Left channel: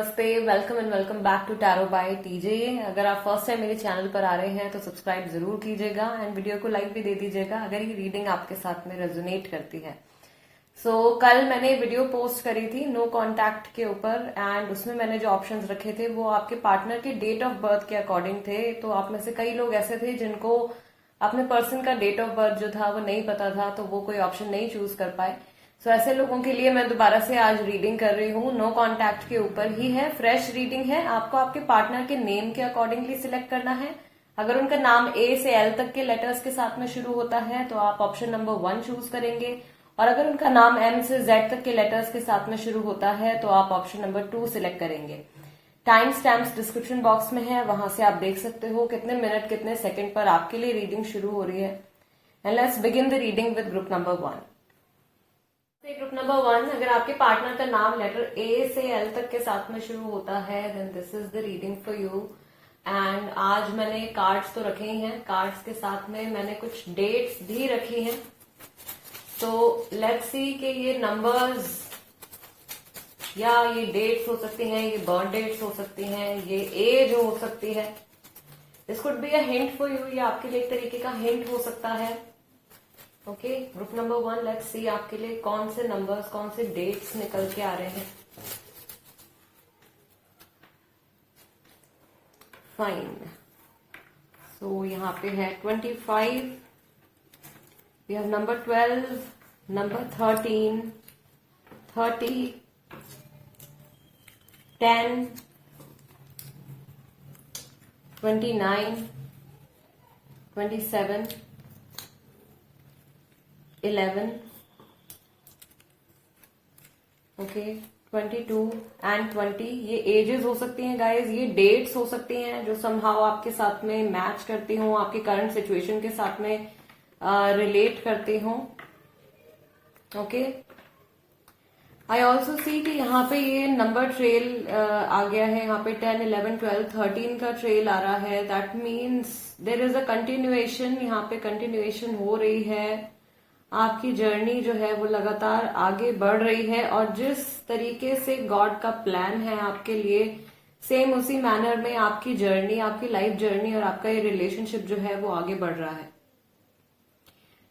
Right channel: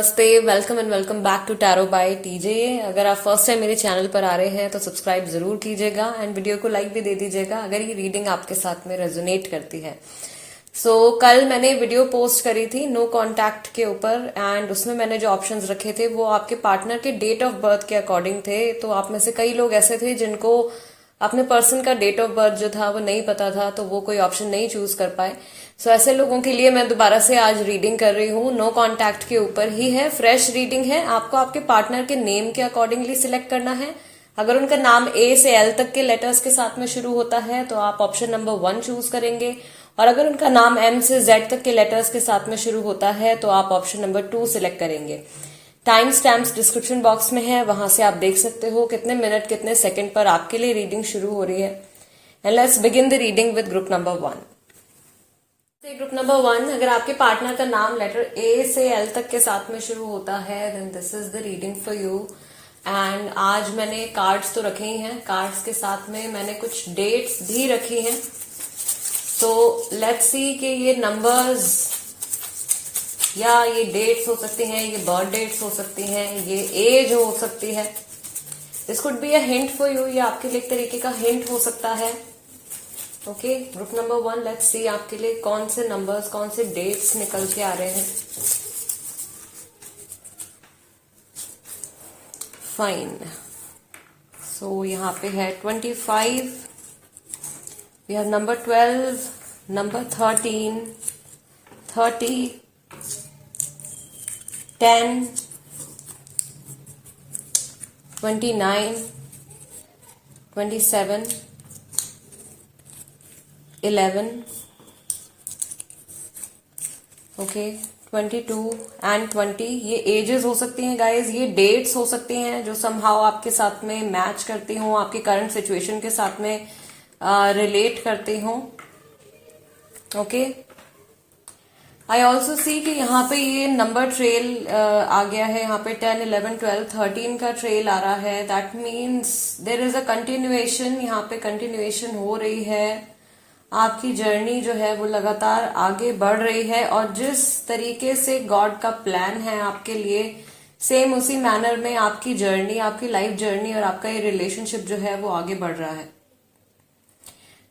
नमस्ते, welcome and welcome back to tarot by TJ. अगर आप फर्स्ट टाइम मेरे चैनल पर आ रहे हैं तो सब्सक्राइब जरूर कीजिएगा एंड वीडियो को लाइक भी दे दीजिएगा अगर ये रीडिंग आपके साथ में रेजोनेट करती है। कल मैंने वीडियो पोस्ट करी थी नो कांटेक्ट के ऊपर एंड उसमें मैंने जो ऑप्शंस रखे थे वो आपके पार्टनर के डेट ऑफ बर्थ के अकॉर्डिंग थे। तो आप में से कई लोग ऐसे थे जिनको अपने पर्सन का डेट ऑफ बर्थ जो था वो नहीं पता था, तो वो कोई ऑप्शन नहीं चूज कर पाए। ऐसे लोगों के लिए मैं दोबारा से आज रीडिंग कर रही हूँ। नो कांटेक्ट के ऊपर ही है, फ्रेश रीडिंग है। आपको आपके पार्टनर के नेम के अकॉर्डिंगली सिलेक्ट करना है। अगर उनका नाम ए से एल तक के लेटर्स के साथ में शुरू होता है तो आप ऑप्शन नंबर 1 चूज करेंगे, और अगर उनका नाम एम से जेड तक के लेटर्स के साथ में शुरू होता है तो आप ऑप्शन नंबर 2 सिलेक्ट करेंगे। टाइम स्टैम्प्स डिस्क्रिप्शन बॉक्स में है, वहां से आप देख सकते हो कितने मिनट कितने सेकंड पर आपके लिए रीडिंग शुरू हो रही है। And let's begin the reading with group number 1। Group number 1, अगर आपके पार्टनर का नाम लेटर ए से एल तक के साथ में शुरू होता है then this is the reading for you. And आज मैंने कार्ड्स तो रखे ही हैं, कार्ड्स के साथ में मैंने कुछ डेट्स भी रखी हैं। तो लेट्स सी कि ये नंबर्स या ये डेट्स हो सकती हैं, ये बर्थ डेट्स हो सकती हैं, ये एज हो सकती है। This could be a hint for you, ये आपके लिए एक तरीके का हिंट हो सकता है। Okay, group number 1, let's see आपके लिए कौन से नंबर्स, कौन से डेट्स निकल के आ रहे हैं। फाइन, यहाँ पे है 25, we have number 12, number 13, 30, 10, 29, 27, 11, okay, 22 and 20। ये एजेस हो सकती हैं गाइज, ये डेट्स हो सकती हैं जो समहाउ आपके साथ में मैच करती हों, आपकी करंट सिचुएशन के साथ में रिलेट करती हों। ओके, आई ऑल्सो सी कि यहाँ पे ये नंबर ट्रेल आ गया है। यहाँ पे 10, 11, 12, 13 का ट्रेल आ रहा है। That means there is a continuation, यहाँ पे कंटिन्यूएशन हो रही है। आपकी जर्नी जो है वो लगातार आगे बढ़ रही है, और जिस तरीके से गॉड का प्लान है आपके लिए सेम उसी मैनर में आपकी जर्नी, आपकी लाइफ जर्नी और आपका ये रिलेशनशिप जो है वो आगे बढ़ रहा है।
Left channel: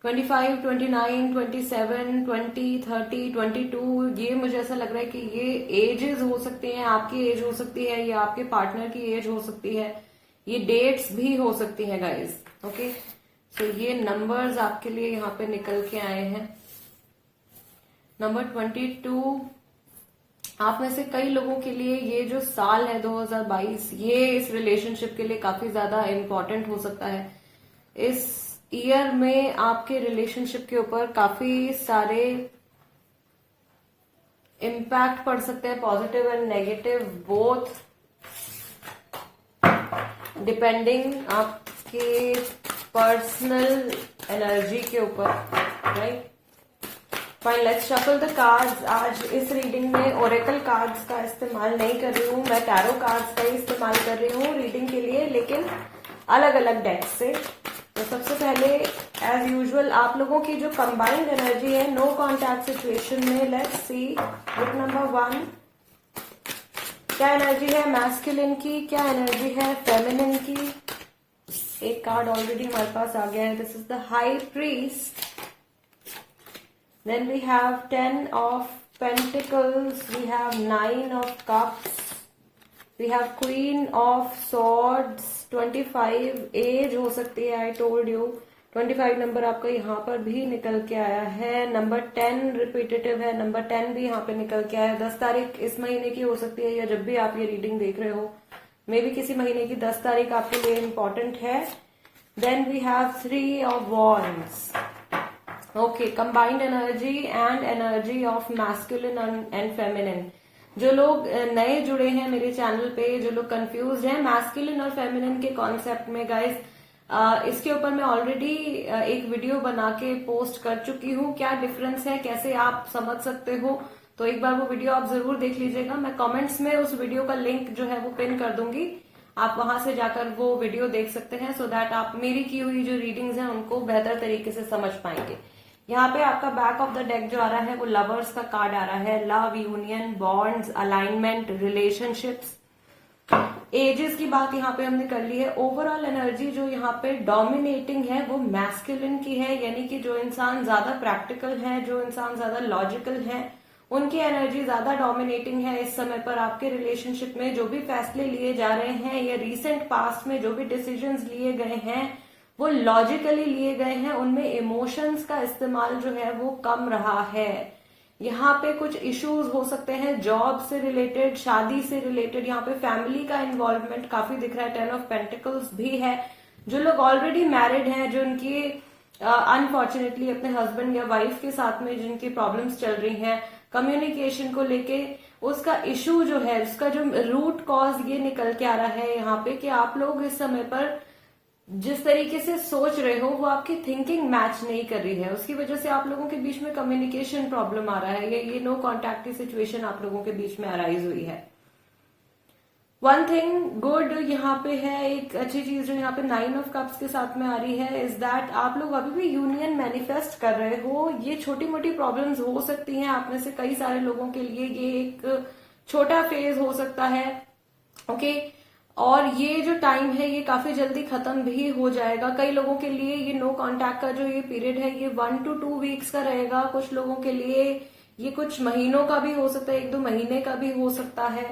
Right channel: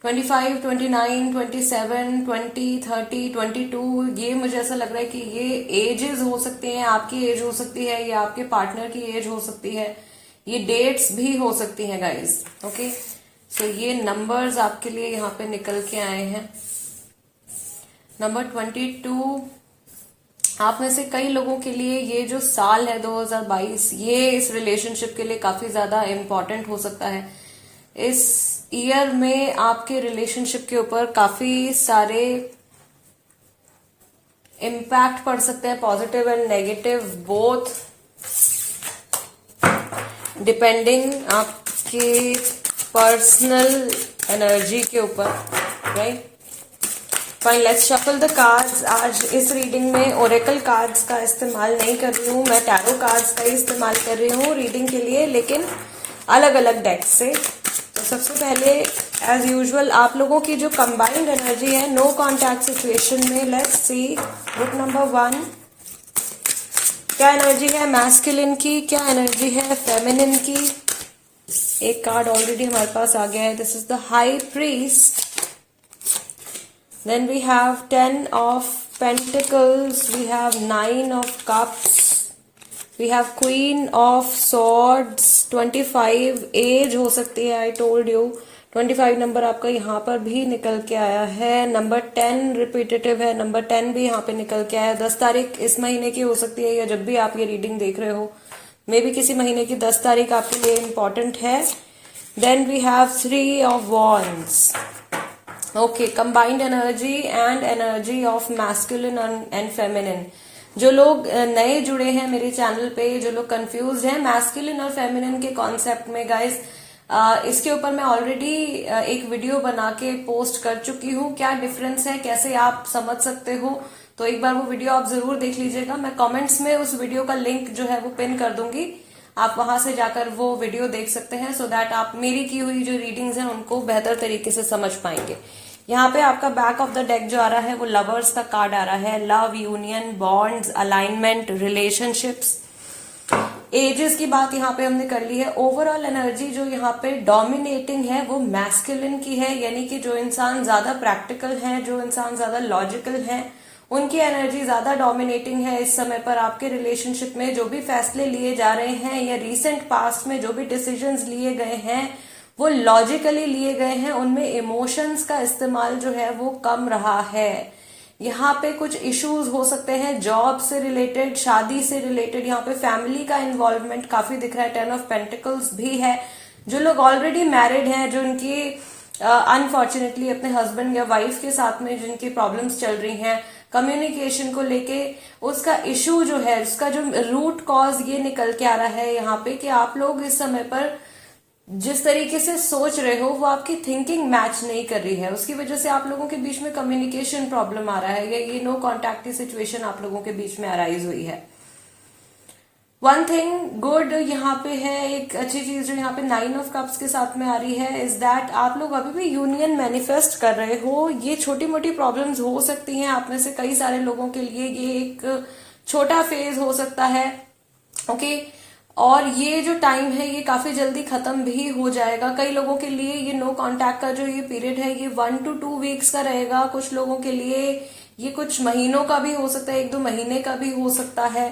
25, 29, 27, 20, 30, 22, ये मुझे ऐसा लग रहा है कि ये एजेस हो सकती हैं, आपकी एज हो सकती है या आपके पार्टनर की एज हो सकती है, ये डेट्स भी हो सकती हैं गाइस। ओके, ये नंबर्स आपके लिए यहाँ पे निकल के आए हैं। नंबर 22, आप में से कई लोगों के लिए ये जो साल है 2022, ये इस रिलेशनशिप के लिए काफी ज्यादा इम्पोर्टेंट हो सकता है। इस ईयर में आपके रिलेशनशिप के ऊपर काफी सारे इम्पैक्ट पड़ सकते हैं, positive and negative both, depending आपके पर्सनल एनर्जी के ऊपर, right. Fine, let's shuffle the cards. आज इस रीडिंग में ओरेकल कार्ड्स का इस्तेमाल नहीं कर रही हूँ, मैं टैरो कार्ड्स का इस्तेमाल कर रही हूँ रीडिंग के लिए, लेकिन अलग अलग डेक से। तो सबसे पहले एज यूजुअल आप लोगों की जो कंबाइंड एनर्जी है नो कॉन्टैक्ट सिचुएशन में, लेट्स सी ग्रुप नंबर 1 क्या एनर्जी है मैस्कुलिन की, क्या एनर्जी है फेमिनिन की। एक कार्ड ऑलरेडी हमारे पास आ गया है, this is the high priest. Then we have 10 of pentacles, we have 9 of cups, we have queen of swords. 25 age हो सकती है, आई टोल्ड यू 25 नंबर आपका यहाँ पर भी निकल के आया है। नंबर 10 रिपीटेटिव है, नंबर 10 भी यहाँ पे निकल के आया है। 10 तारीख इस महीने की हो सकती है, या जब भी आप ये रीडिंग देख रहे हो मे बी किसी महीने की 10 तारीख आपके लिए इम्पोर्टेंट है। Then we have 3 of wands. Okay, combined energy and energy of masculine and feminine. जो लोग नए जुड़े हैं मेरे चैनल पे, जो लोग कंफ्यूज हैं मैस्कुलिन और फेमिनिन के कॉन्सेप्ट में गाइस, इसके ऊपर मैं ऑलरेडी एक वीडियो बना के पोस्ट कर चुकी हूँ। क्या डिफरेंस है, कैसे आप समझ सकते हो, तो एक बार वो वीडियो आप जरूर देख लीजिएगा। मैं कमेंट्स में उस वीडियो का लिंक जो है वो पिन कर दूंगी, आप वहां से जाकर वो वीडियो देख सकते हैं, सो दैट आप मेरी की हुई जो रीडिंग्स हैं उनको बेहतर तरीके से समझ पाएंगे। यहाँ पे आपका बैक ऑफ द डेक जो आ रहा है वो लवर्स का कार्ड आ रहा है। Love, union, bonds, alignment, relationships. Ages की बात यहाँ पे हमने कर ली है। ओवरऑल एनर्जी जो यहाँ पे डोमिनेटिंग है वो मैस्कुलिन की है, यानी कि जो इंसान ज्यादा प्रैक्टिकल है, जो इंसान ज्यादा लॉजिकल है, उनकी एनर्जी ज्यादा डोमिनेटिंग है इस समय पर। आपके रिलेशनशिप में जो भी फैसले लिए जा रहे हैं या रिसेंट पास्ट में जो भी डिसीजंस लिए गए हैं वो लॉजिकली लिए गए हैं, उनमें इमोशंस का इस्तेमाल जो है वो कम रहा है। यहाँ पे कुछ इश्यूज हो सकते हैं जॉब से रिलेटेड, शादी से रिलेटेड। यहाँ पे फैमिली का इन्वॉल्वमेंट काफी दिख रहा है। 10 ऑफ पेंटिकल्स भी है। जो लोग ऑलरेडी मैरिड हैं, जो उनकी अनफॉर्चुनेटली अपने हस्बैंड या वाइफ के साथ में जिनकी प्रॉब्लम्स चल रही हैं कम्युनिकेशन को लेके, उसका इशू जो है, उसका जो रूट कॉज ये निकल के आ रहा है यहाँ पे कि आप लोग इस समय पर जिस तरीके से सोच रहे हो वो आपकी थिंकिंग मैच नहीं कर रही है। उसकी वजह से आप लोगों के बीच में कम्युनिकेशन प्रॉब्लम आ रहा है, या ये नो कॉन्टैक्ट की सिचुएशन आप लोगों के बीच में अराइज हुई है। वन थिंग गुड यहाँ पे है, एक अच्छी चीज जो यहाँ पे 9 ऑफ कप्स के साथ में आ रही है इज दैट आप लोग अभी भी यूनियन मैनिफेस्ट कर रहे हो। ये छोटी मोटी प्रॉब्लम्स हो सकती हैं आप में से कई सारे लोगों के लिए, ये एक छोटा फेज हो सकता है, ओके। और ये जो टाइम है ये काफी जल्दी खत्म भी हो जाएगा। कई लोगों के लिए ये नो कांटेक्ट का जो ये पीरियड है ये 1 to 2 वीक्स का रहेगा। कुछ लोगों के लिए ये कुछ महीनों का भी हो सकता है, 1-2 महीने का भी हो सकता है,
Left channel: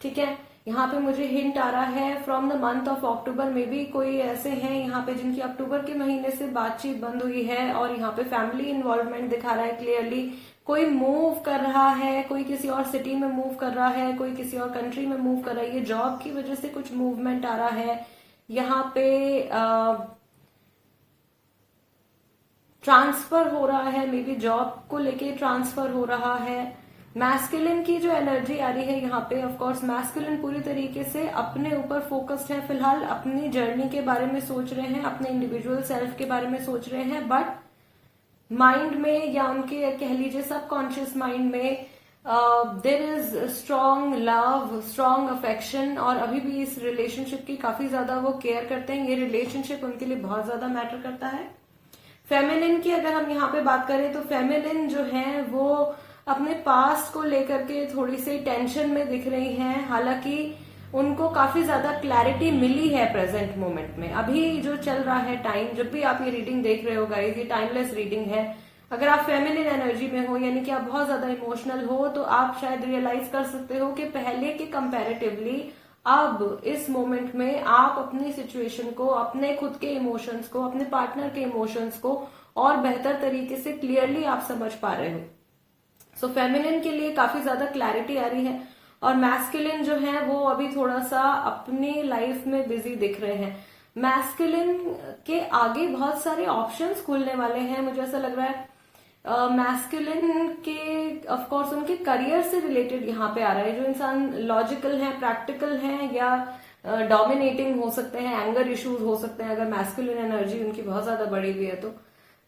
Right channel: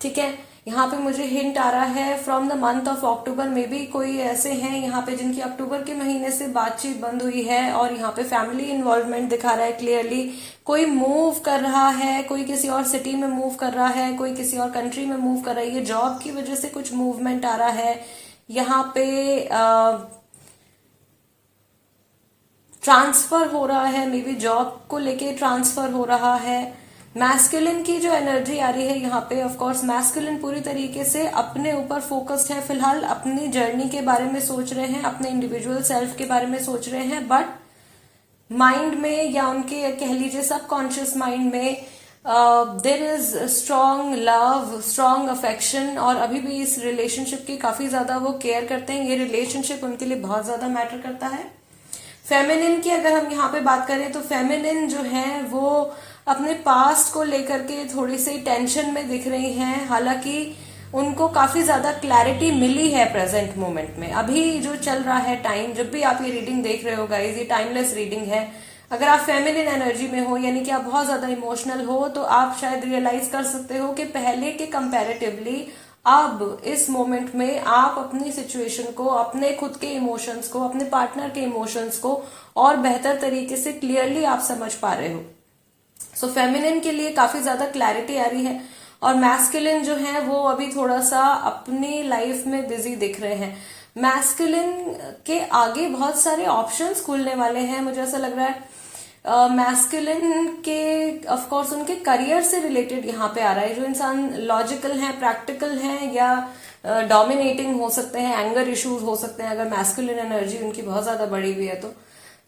ठीक है। यहाँ पे मुझे हिंट आ रहा है from the month of October में भी कोई ऐसे हैं यहाँ पे जिनकी अक्टूबर के महीने से बातचीत बंद हुई है, और यहाँ पे फैमिली इन्वॉल्वमेंट दिखा रहा है क्लियरली। कोई मूव कर रहा है, कोई किसी और सिटी में मूव कर रहा है, कोई किसी और कंट्री में मूव कर रहा है। ये जॉब की वजह से कुछ मूवमेंट आ रहा है। यहाँ पे ट्रांसफर हो रहा है, मे बी जॉब को लेके ट्रांसफर हो रहा है। मैस्कुलिन की जो एनर्जी आ रही है यहाँ पे, ऑफ कोर्स मैस्कुलिन पूरी तरीके से अपने ऊपर फोकस्ड है फिलहाल, अपनी जर्नी के बारे में सोच रहे हैं, अपने इंडिविजुअल सेल्फ के बारे में सोच रहे हैं, बट माइंड में या उनके कह लीजिए सबकॉन्शियस माइंड में there is strong love, strong affection, और अभी भी इस रिलेशनशिप की काफी ज्यादा वो केयर करते हैं। ये रिलेशनशिप उनके लिए बहुत ज्यादा मैटर करता है। फेमिनिन की अगर हम यहाँ पे बात करें तो फेमिनिन जो है वो अपने पास्ट को लेकर के थोड़ी सी टेंशन में दिख रही हैं। हालांकि उनको काफी ज्यादा क्लैरिटी मिली है प्रेजेंट मोमेंट में। अभी जो चल रहा है टाइम, जब भी आप ये रीडिंग देख रहे हो गाइस, ये टाइमलेस रीडिंग है। अगर आप फेमिनिन एनर्जी में हो, यानी कि आप बहुत ज्यादा इमोशनल हो, तो आप शायद रियलाइज कर सकते हो कि पहले के कंपैरेटिवली अब इस मोमेंट में आप अपनी सिचुएशन को, अपने खुद के इमोशंस को, अपने पार्टनर के इमोशंस को और बेहतर तरीके से क्लियरली आप समझ पा रहे हो। सो फेमिनिन के लिए काफी ज्यादा क्लैरिटी आ रही है, और मैस्कुलिन जो है वो अभी थोड़ा सा अपनी लाइफ में बिजी दिख रहे हैं। मैस्कुलिन के आगे बहुत सारे ऑप्शंस खुलने वाले हैं, मुझे ऐसा लग रहा है। मैस्कुलिन के ऑफ कोर्स उनके करियर से रिलेटेड यहाँ पे आ रहा है। जो इंसान लॉजिकल है, प्रैक्टिकल है, या डोमिनेटिंग हो सकते हैं, एंगर इश्यूज हो सकते हैं अगर मैस्कुलिन एनर्जी उनकी बहुत ज्यादा बढ़ी हुई है तो।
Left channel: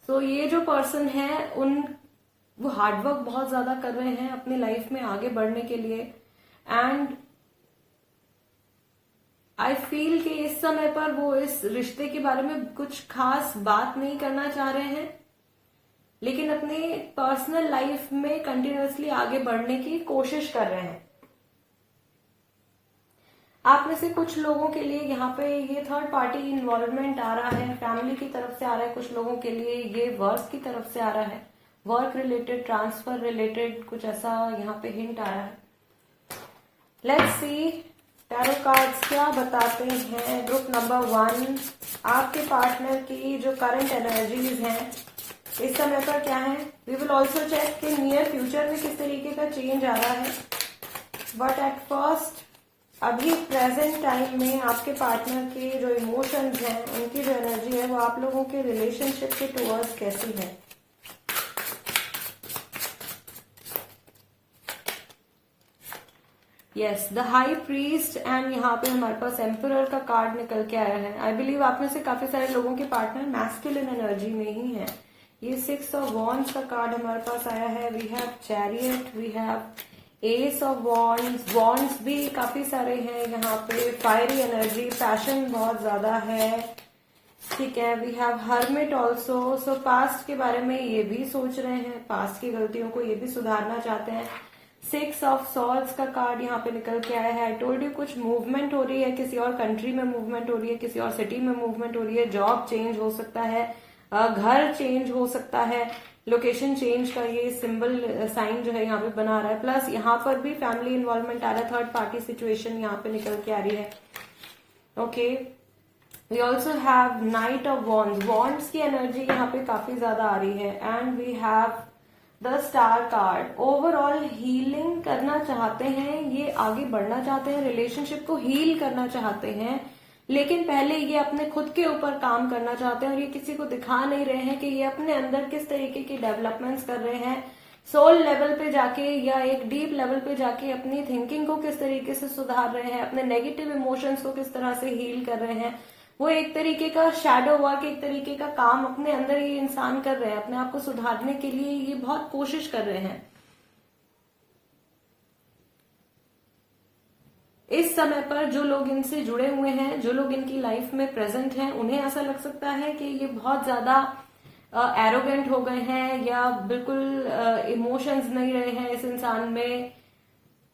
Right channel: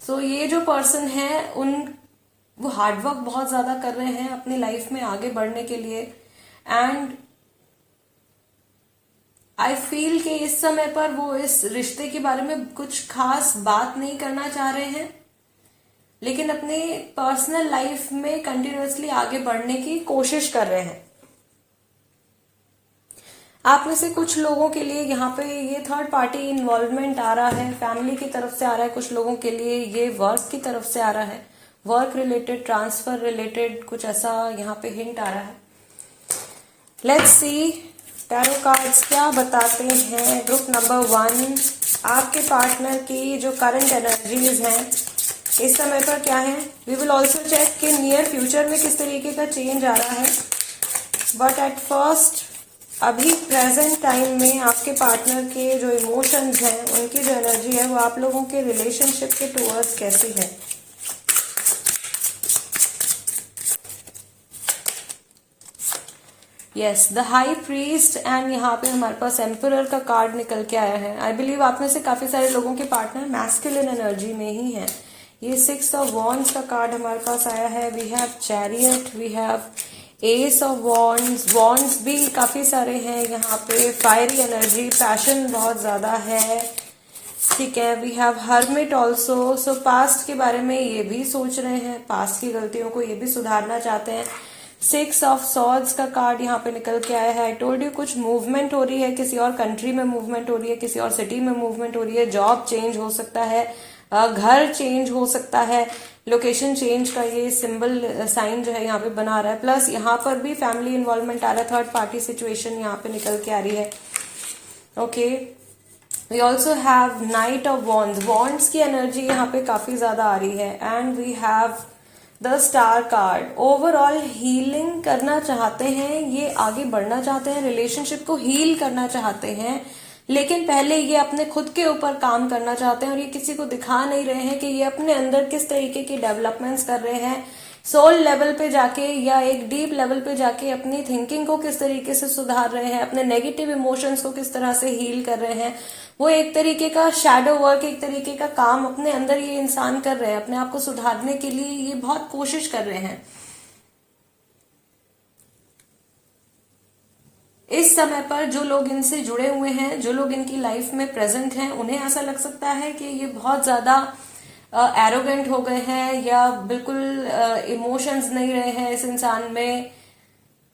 सो ये जो पर्सन है वो हार्डवर्क बहुत ज्यादा कर रहे हैं अपनी लाइफ में आगे बढ़ने के लिए, एंड आई फील कि इस समय पर वो इस रिश्ते के बारे में कुछ खास बात नहीं करना चाह रहे हैं, लेकिन अपने पर्सनल लाइफ में कंटिन्यूअसली आगे बढ़ने की कोशिश कर रहे हैं। आप में से कुछ लोगों के लिए यहाँ पे ये थर्ड पार्टी इन्वॉल्वमेंट आ रहा है, फैमिली की तरफ से आ रहा है। कुछ लोगों के लिए ये वर्क की तरफ से आ रहा है, वर्क रिलेटेड, ट्रांसफर रिलेटेड, कुछ ऐसा यहाँ पे हिंट आ रहा है। लेट्स सी टैरो कार्ड्स क्या बताते हैं। ग्रुप नंबर 1, आपके पार्टनर की जो करंट एनर्जीज हैं इस समय पर क्या है। वी विल ऑल्सो चेक कि नियर फ्यूचर में किस तरीके का चेंज आ रहा है, बट एट फर्स्ट अभी प्रेजेंट टाइम में आपके पार्टनर के जो इमोशंस हैं, उनकी जो एनर्जी है वो आप लोगों के रिलेशनशिप के टुवर्ड्स कैसी है। Yes, the high priest, and यहाँ पे हमारे पास एम्परर का कार्ड निकल के आया है। आई बिलीव आप में से काफी सारे लोगों के पार्टनर मैस्कुलिन एनर्जी में ही है। ये 6 ऑफ वॉन्ड्स का कार्ड हमारे पास आया है। We have chariot, we have ace of wands, wands भी काफी सारे हैं यहाँ पे। फायरी एनर्जी, पैशन बहुत ज्यादा है, ठीक है, we have hermit also. So past के बारे में ये भी सोच रहे हैं, पास्ट की गलतियों को ये भी सुधारना चाहते हैं। 6 ऑफ सॉर्ड्स का कार्ड यहाँ पे निकल के आया है। आई टोल्ड यू कुछ मूवमेंट हो रही है, किसी और कंट्री में मूवमेंट हो रही है, किसी और सिटी में मूवमेंट हो रही है, जॉब चेंज हो सकता है, घर चेंज हो सकता है, लोकेशन चेंज का ये सिंबल साइन जो है यहाँ पे बना रहा है। प्लस यहाँ पर भी फैमिली इन्वॉल्वमेंट आ रहा है, थर्ड पार्टी सिचुएशन यहाँ पे निकल के आ रही है। Okay, we also have knight of wands, wands की एनर्जी यहाँ पे काफी ज्यादा आ रही है। And we have the star card. Overall healing करना चाहते हैं, ये आगे बढ़ना चाहते हैं, रिलेशनशिप को हील करना चाहते हैं, लेकिन पहले ये अपने खुद के ऊपर काम करना चाहते हैं और ये किसी को दिखा नहीं रहे हैं कि ये अपने अंदर किस तरीके की डेवलपमेंट्स कर रहे हैं। सोल लेवल पे जाके या एक डीप लेवल पे जाके अपनी थिंकिंग को किस तरीके से सुधार रहे हैं, अपने नेगेटिव इमोशंस को किस तरह से हील कर रहे हैं। वो एक तरीके का शैडो वर्क, एक तरीके का काम अपने अंदर ये इंसान कर रहे हैं, अपने आप को सुधारने के लिए ये बहुत कोशिश कर रहे हैं। इस समय पर जो लोग इनसे जुड़े हुए हैं, जो लोग इनकी लाइफ में प्रेजेंट हैं, उन्हें ऐसा लग सकता है कि ये बहुत ज्यादा एरोगेंट हो गए हैं या बिल्कुल इमोशंस नहीं रहे हैं इस इंसान में,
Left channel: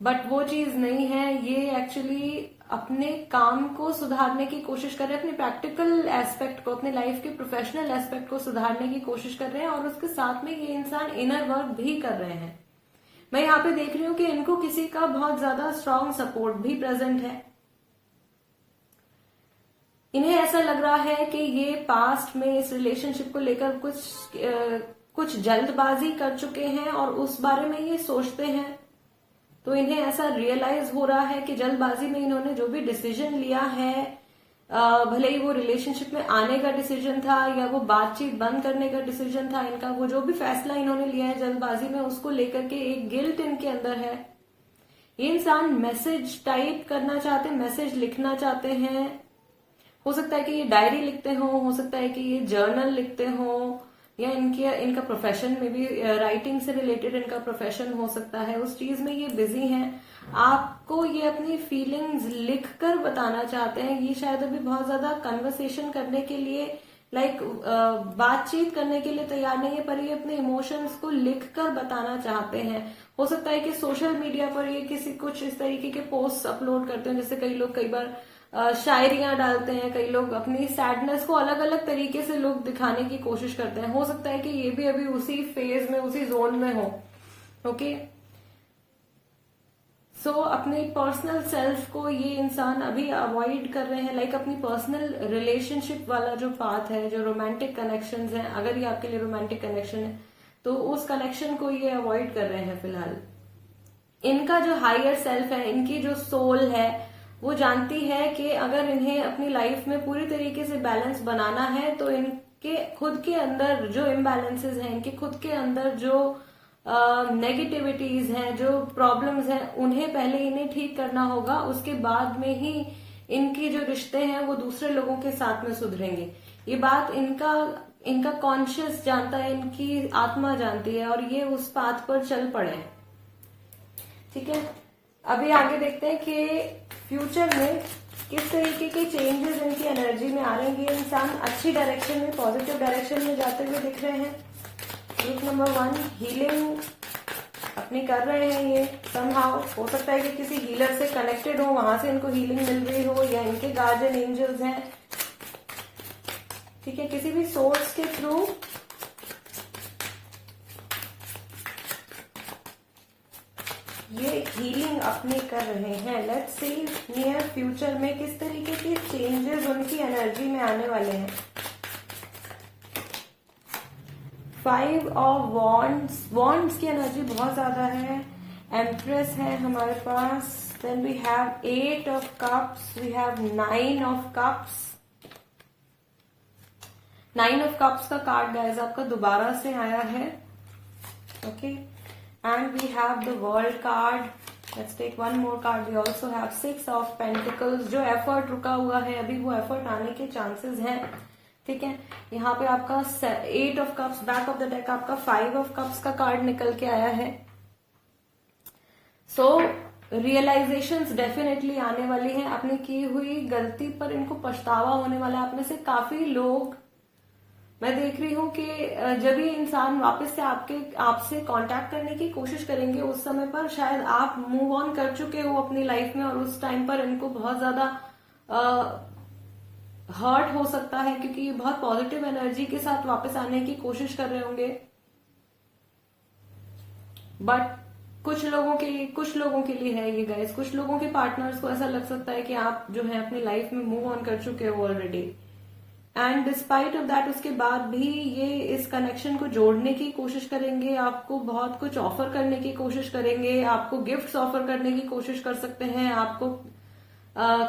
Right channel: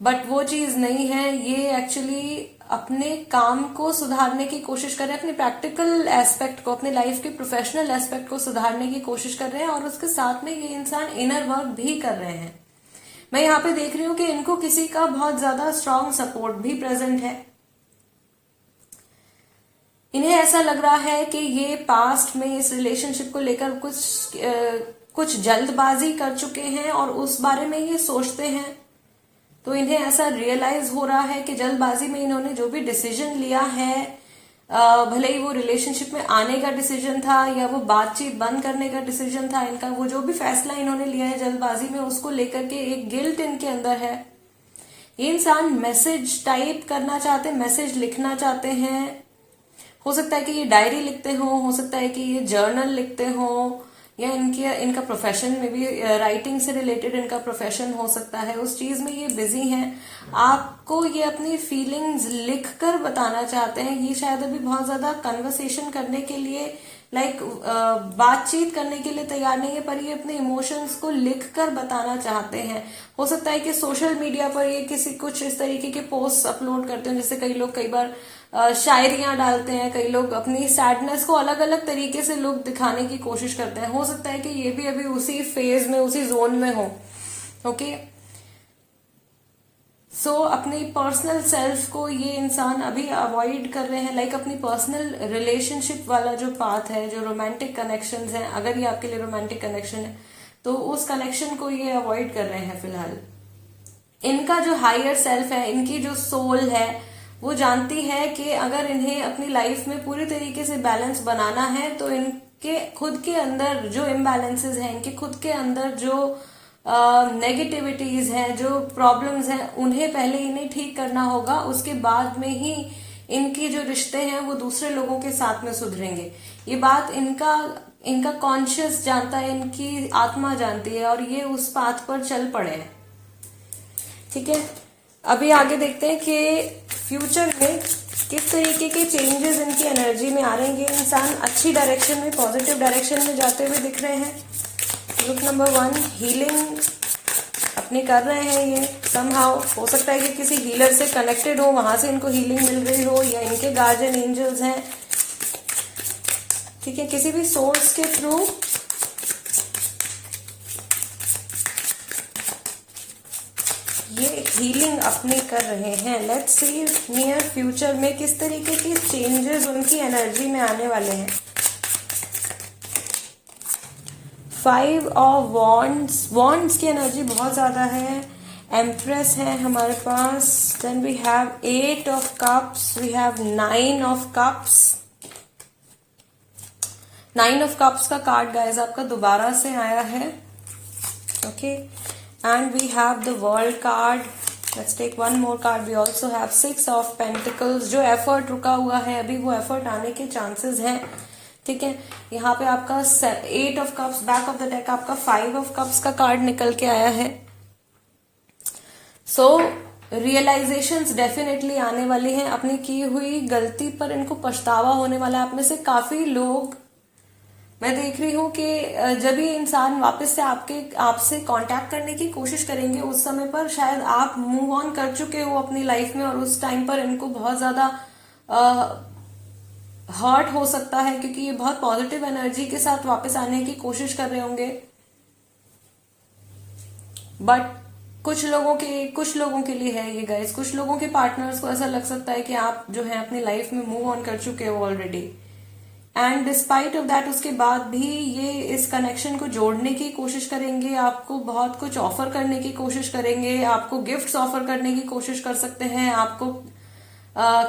बट वो चीज नहीं है। ये एक्चुअली अपने काम को सुधारने की कोशिश कर रहे हैं, अपने प्रैक्टिकल एस्पेक्ट को, अपने लाइफ के प्रोफेशनल एस्पेक्ट को सुधारने की कोशिश कर रहे हैं और उसके साथ में ये इंसान इनर वर्क भी कर रहे हैं। मैं यहाँ पे देख रही हूँ कि इनको किसी का बहुत ज्यादा स्ट्रांग सपोर्ट भी प्रेजेंट है। इन्हें ऐसा लग रहा है कि ये पास्ट में इस रिलेशनशिप को लेकर कुछ जल्दबाजी कर चुके हैं और उस बारे में ये सोचते हैं। तो इन्हें ऐसा रियलाइज हो रहा है कि जल्दबाजी में इन्होंने जो भी डिसीजन लिया है, भले ही वो रिलेशनशिप में आने का डिसीजन था या वो बातचीत बंद करने का डिसीजन था, इनका वो जो भी फैसला इन्होंने लिया है जल्दबाजी में, उसको लेकर के एक गिल्ट इनके अंदर है। ये इंसान मैसेज टाइप करना चाहते हैं, मैसेज लिखना चाहते हैं। हो सकता है कि ये डायरी लिखते हो सकता है कि ये जर्नल लिखते हो, या इनका प्रोफेशन में भी राइटिंग से रिलेटेड इनका प्रोफेशन हो सकता है, उस चीज में ये बिजी हैं। आपको ये अपनी फीलिंग्स लिखकर बताना चाहते हैं। ये शायद अभी बहुत ज्यादा कन्वर्सेशन करने के लिए बातचीत करने के लिए तैयार नहीं है, पर ये अपने इमोशंस को लिखकर बताना चाहते हैं। हो सकता है कि सोशल मीडिया पर ये कुछ इस तरीके के पोस्ट अपलोड करते हैं, जैसे कई लोग कई बार शायरियां डालते हैं, कई लोग अपनी सैडनेस को अलग अलग तरीके से लोग दिखाने की कोशिश करते हैं। हो सकता है कि ये भी अभी उसी फेज में, उसी जोन में हो। ओके, सो अपनी पर्सनल सेल्फ को ये इंसान अभी अवॉइड कर रहे हैं। अपनी पर्सनल रिलेशनशिप वाला जो पाथ है, जो रोमांटिक कनेक्शंस हैं, अगर ये आपके लिए रोमांटिक कनेक्शन है तो उस कनेक्शन को ये अवॉइड कर रहे हैं फिलहाल। इनका जो हायर सेल्फ है, इनकी जो सोल है, वो जानती है कि अगर इन्हें अपनी लाइफ में पूरी तरीके से बैलेंस बनाना है तो इनके खुद के अंदर जो इम्बैलेंसेस हैं, इनके खुद के अंदर जो नेगेटिविटीज हैं, जो प्रॉब्लम्स हैं, उन्हें पहले इन्हें ठीक करना होगा। उसके बाद में ही इनके जो रिश्ते हैं वो दूसरे लोगों के साथ में सुधरेंगे। ये बात इनका कॉन्शियस जानता है, इनकी आत्मा जानती है और ये उस पाथ पर चल पड़े हैं। ठीक है, अभी आगे देखते हैं कि फ्यूचर में किस तरीके के चेंजेस इनकी एनर्जी में आ रहे हैं। ये इंसान अच्छी डायरेक्शन में, पॉजिटिव डायरेक्शन में जाते हुए दिख रहे हैं। ग्रुप नंबर 1 हीलिंग अपनी कर रहे हैं ये समहाउ। हो सकता है कि किसी हीलर से कनेक्टेड हो, वहां से इनको हीलिंग मिल रही हो, या इनके गार्जियन एंजल्स हैं। ठीक है, किसी भी सोर्स के थ्रू ये हीलिंग अपनी कर रहे हैं। लेट्स सी नियर फ्यूचर में किस तरीके के चेंजेस उनकी एनर्जी में आने वाले हैं। 5 ऑफ वॉन्ड्स की एनर्जी बहुत ज्यादा है। एम्प्रेस है हमारे पास। Then we have 8 of cups, we have 9 of cups. 9 of cups का कार्ड गाइस आपका दोबारा से आया है। Okay, and we have the world card. Let's take one more card. We also have 6 of pentacles. जो एफर्ट रुका हुआ है अभी, वो एफर्ट आने के चांसेस हैं। ठीक है, यहाँ पे आपका 8 of cups, back of the deck आपका 5 ऑफ कप्स का कार्ड निकल के आया है। सो रियलाइजेशंस डेफिनेटली आने वाली हैं, अपनी की हुई गलती पर इनको पछतावा होने वाला है। आप में से काफी लोग मैं देख रही हूँ कि जब ये इंसान वापस से आपसे कांटेक्ट करने की कोशिश करेंगे, उस समय पर शायद आप मूव ऑन कर चुके हो अपनी लाइफ में, और उस टाइम पर इनको बहुत ज्यादा हर्ट हो सकता है, क्योंकि ये बहुत पॉजिटिव एनर्जी के साथ वापस आने की कोशिश कर रहे होंगे। बट कुछ लोगों के लिए है ये गाइस, कुछ लोगों के पार्टनर्स को ऐसा लग सकता है कि आप जो है अपनी लाइफ में मूव ऑन कर चुके हो already, and despite of that उसके बाद भी ये इस कनेक्शन को जोड़ने की कोशिश करेंगे, आपको बहुत कुछ ऑफर करने की कोशिश करेंगे, आपको गिफ्ट्स ऑफर करने की कोशिश कर सकते हैं, आपको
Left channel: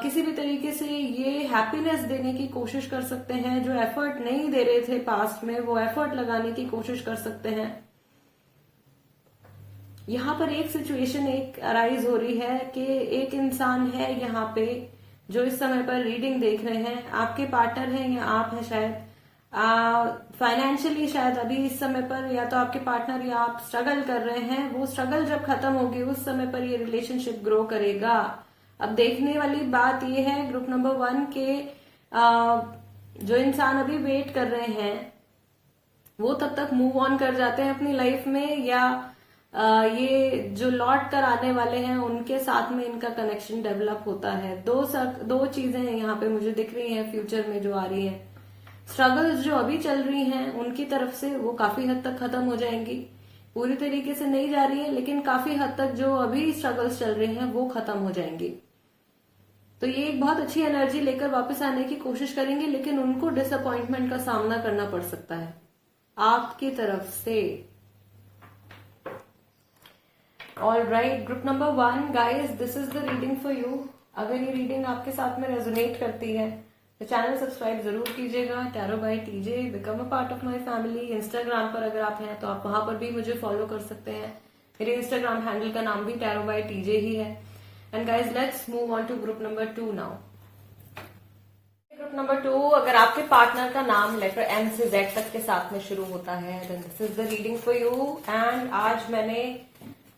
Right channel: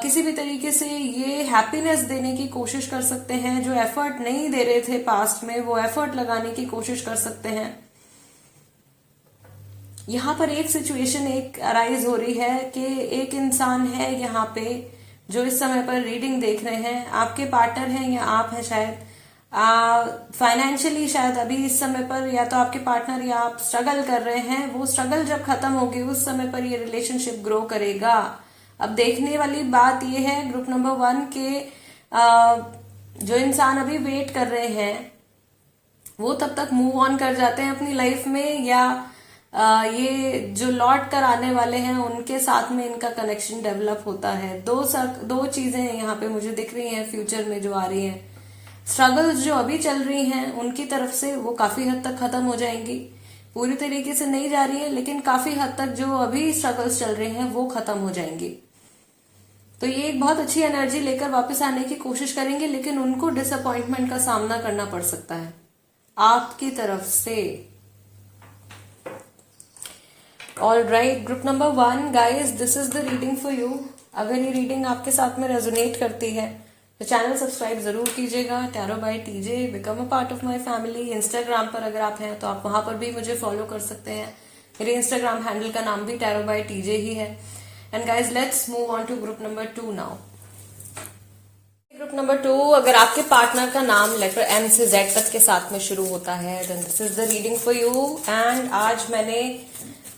किसी भी तरीके से ये हैप्पीनेस देने की कोशिश कर सकते हैं। जो एफर्ट नहीं दे रहे थे पास्ट में, वो एफर्ट लगाने की कोशिश कर सकते हैं। यहाँ पर एक सिचुएशन एक अराइज हो रही है कि एक इंसान है यहाँ पे जो इस समय पर रीडिंग देख रहे हैं, आपके पार्टनर हैं या आप हैं शायद। फाइनेंशियली शायद अभी इस समय पर या तो आपके पार्टनर या आप स्ट्रगल कर रहे हैं। वो स्ट्रगल जब खत्म होगी उस समय पर ये रिलेशनशिप ग्रो करेगा। अब देखने वाली बात ये है ग्रुप नंबर 1 के जो इंसान अभी वेट कर रहे हैं वो तब तक मूव ऑन कर जाते हैं अपनी लाइफ में, या ये जो लौट कर आने वाले हैं उनके साथ में इनका कनेक्शन डेवलप होता है। दो चीजें यहाँ पे मुझे दिख रही हैं फ्यूचर में जो आ रही हैं। स्ट्रगल्स जो अभी चल रही हैं उनकी तरफ से वो काफी हद तक खत्म हो जाएंगी, पूरी तरीके से नहीं जा रही है लेकिन काफी हद तक जो अभी स्ट्रगल्स चल रहे हैं वो खत्म हो जाएंगी। तो ये एक बहुत अच्छी एनर्जी लेकर वापस आने की कोशिश करेंगे, लेकिन उनको डिसअपॉइंटमेंट का सामना करना पड़ सकता है आपकी तरफ से। All right, group number 1 guys, this is the reading for you. अगर ये रीडिंग आपके साथ में रेजोनेट करती है तो चैनल सब्सक्राइब जरूर कीजिएगा। Tarot by TJ, become a part of my family. Instagram पर अगर आप हैं तो आप वहां पर भी मुझे फॉलो कर सकते हैं। मेरे इंस्टाग्राम हैंडल का नाम भी टैरो बाय टीजे ही है। And guys, let's move on to group number 2 now. Group number 2, अगर आपके पार्टनर का नाम लेटर M से Z तक के साथ में शुरू होता है then this is the reading for you. And आज मैंने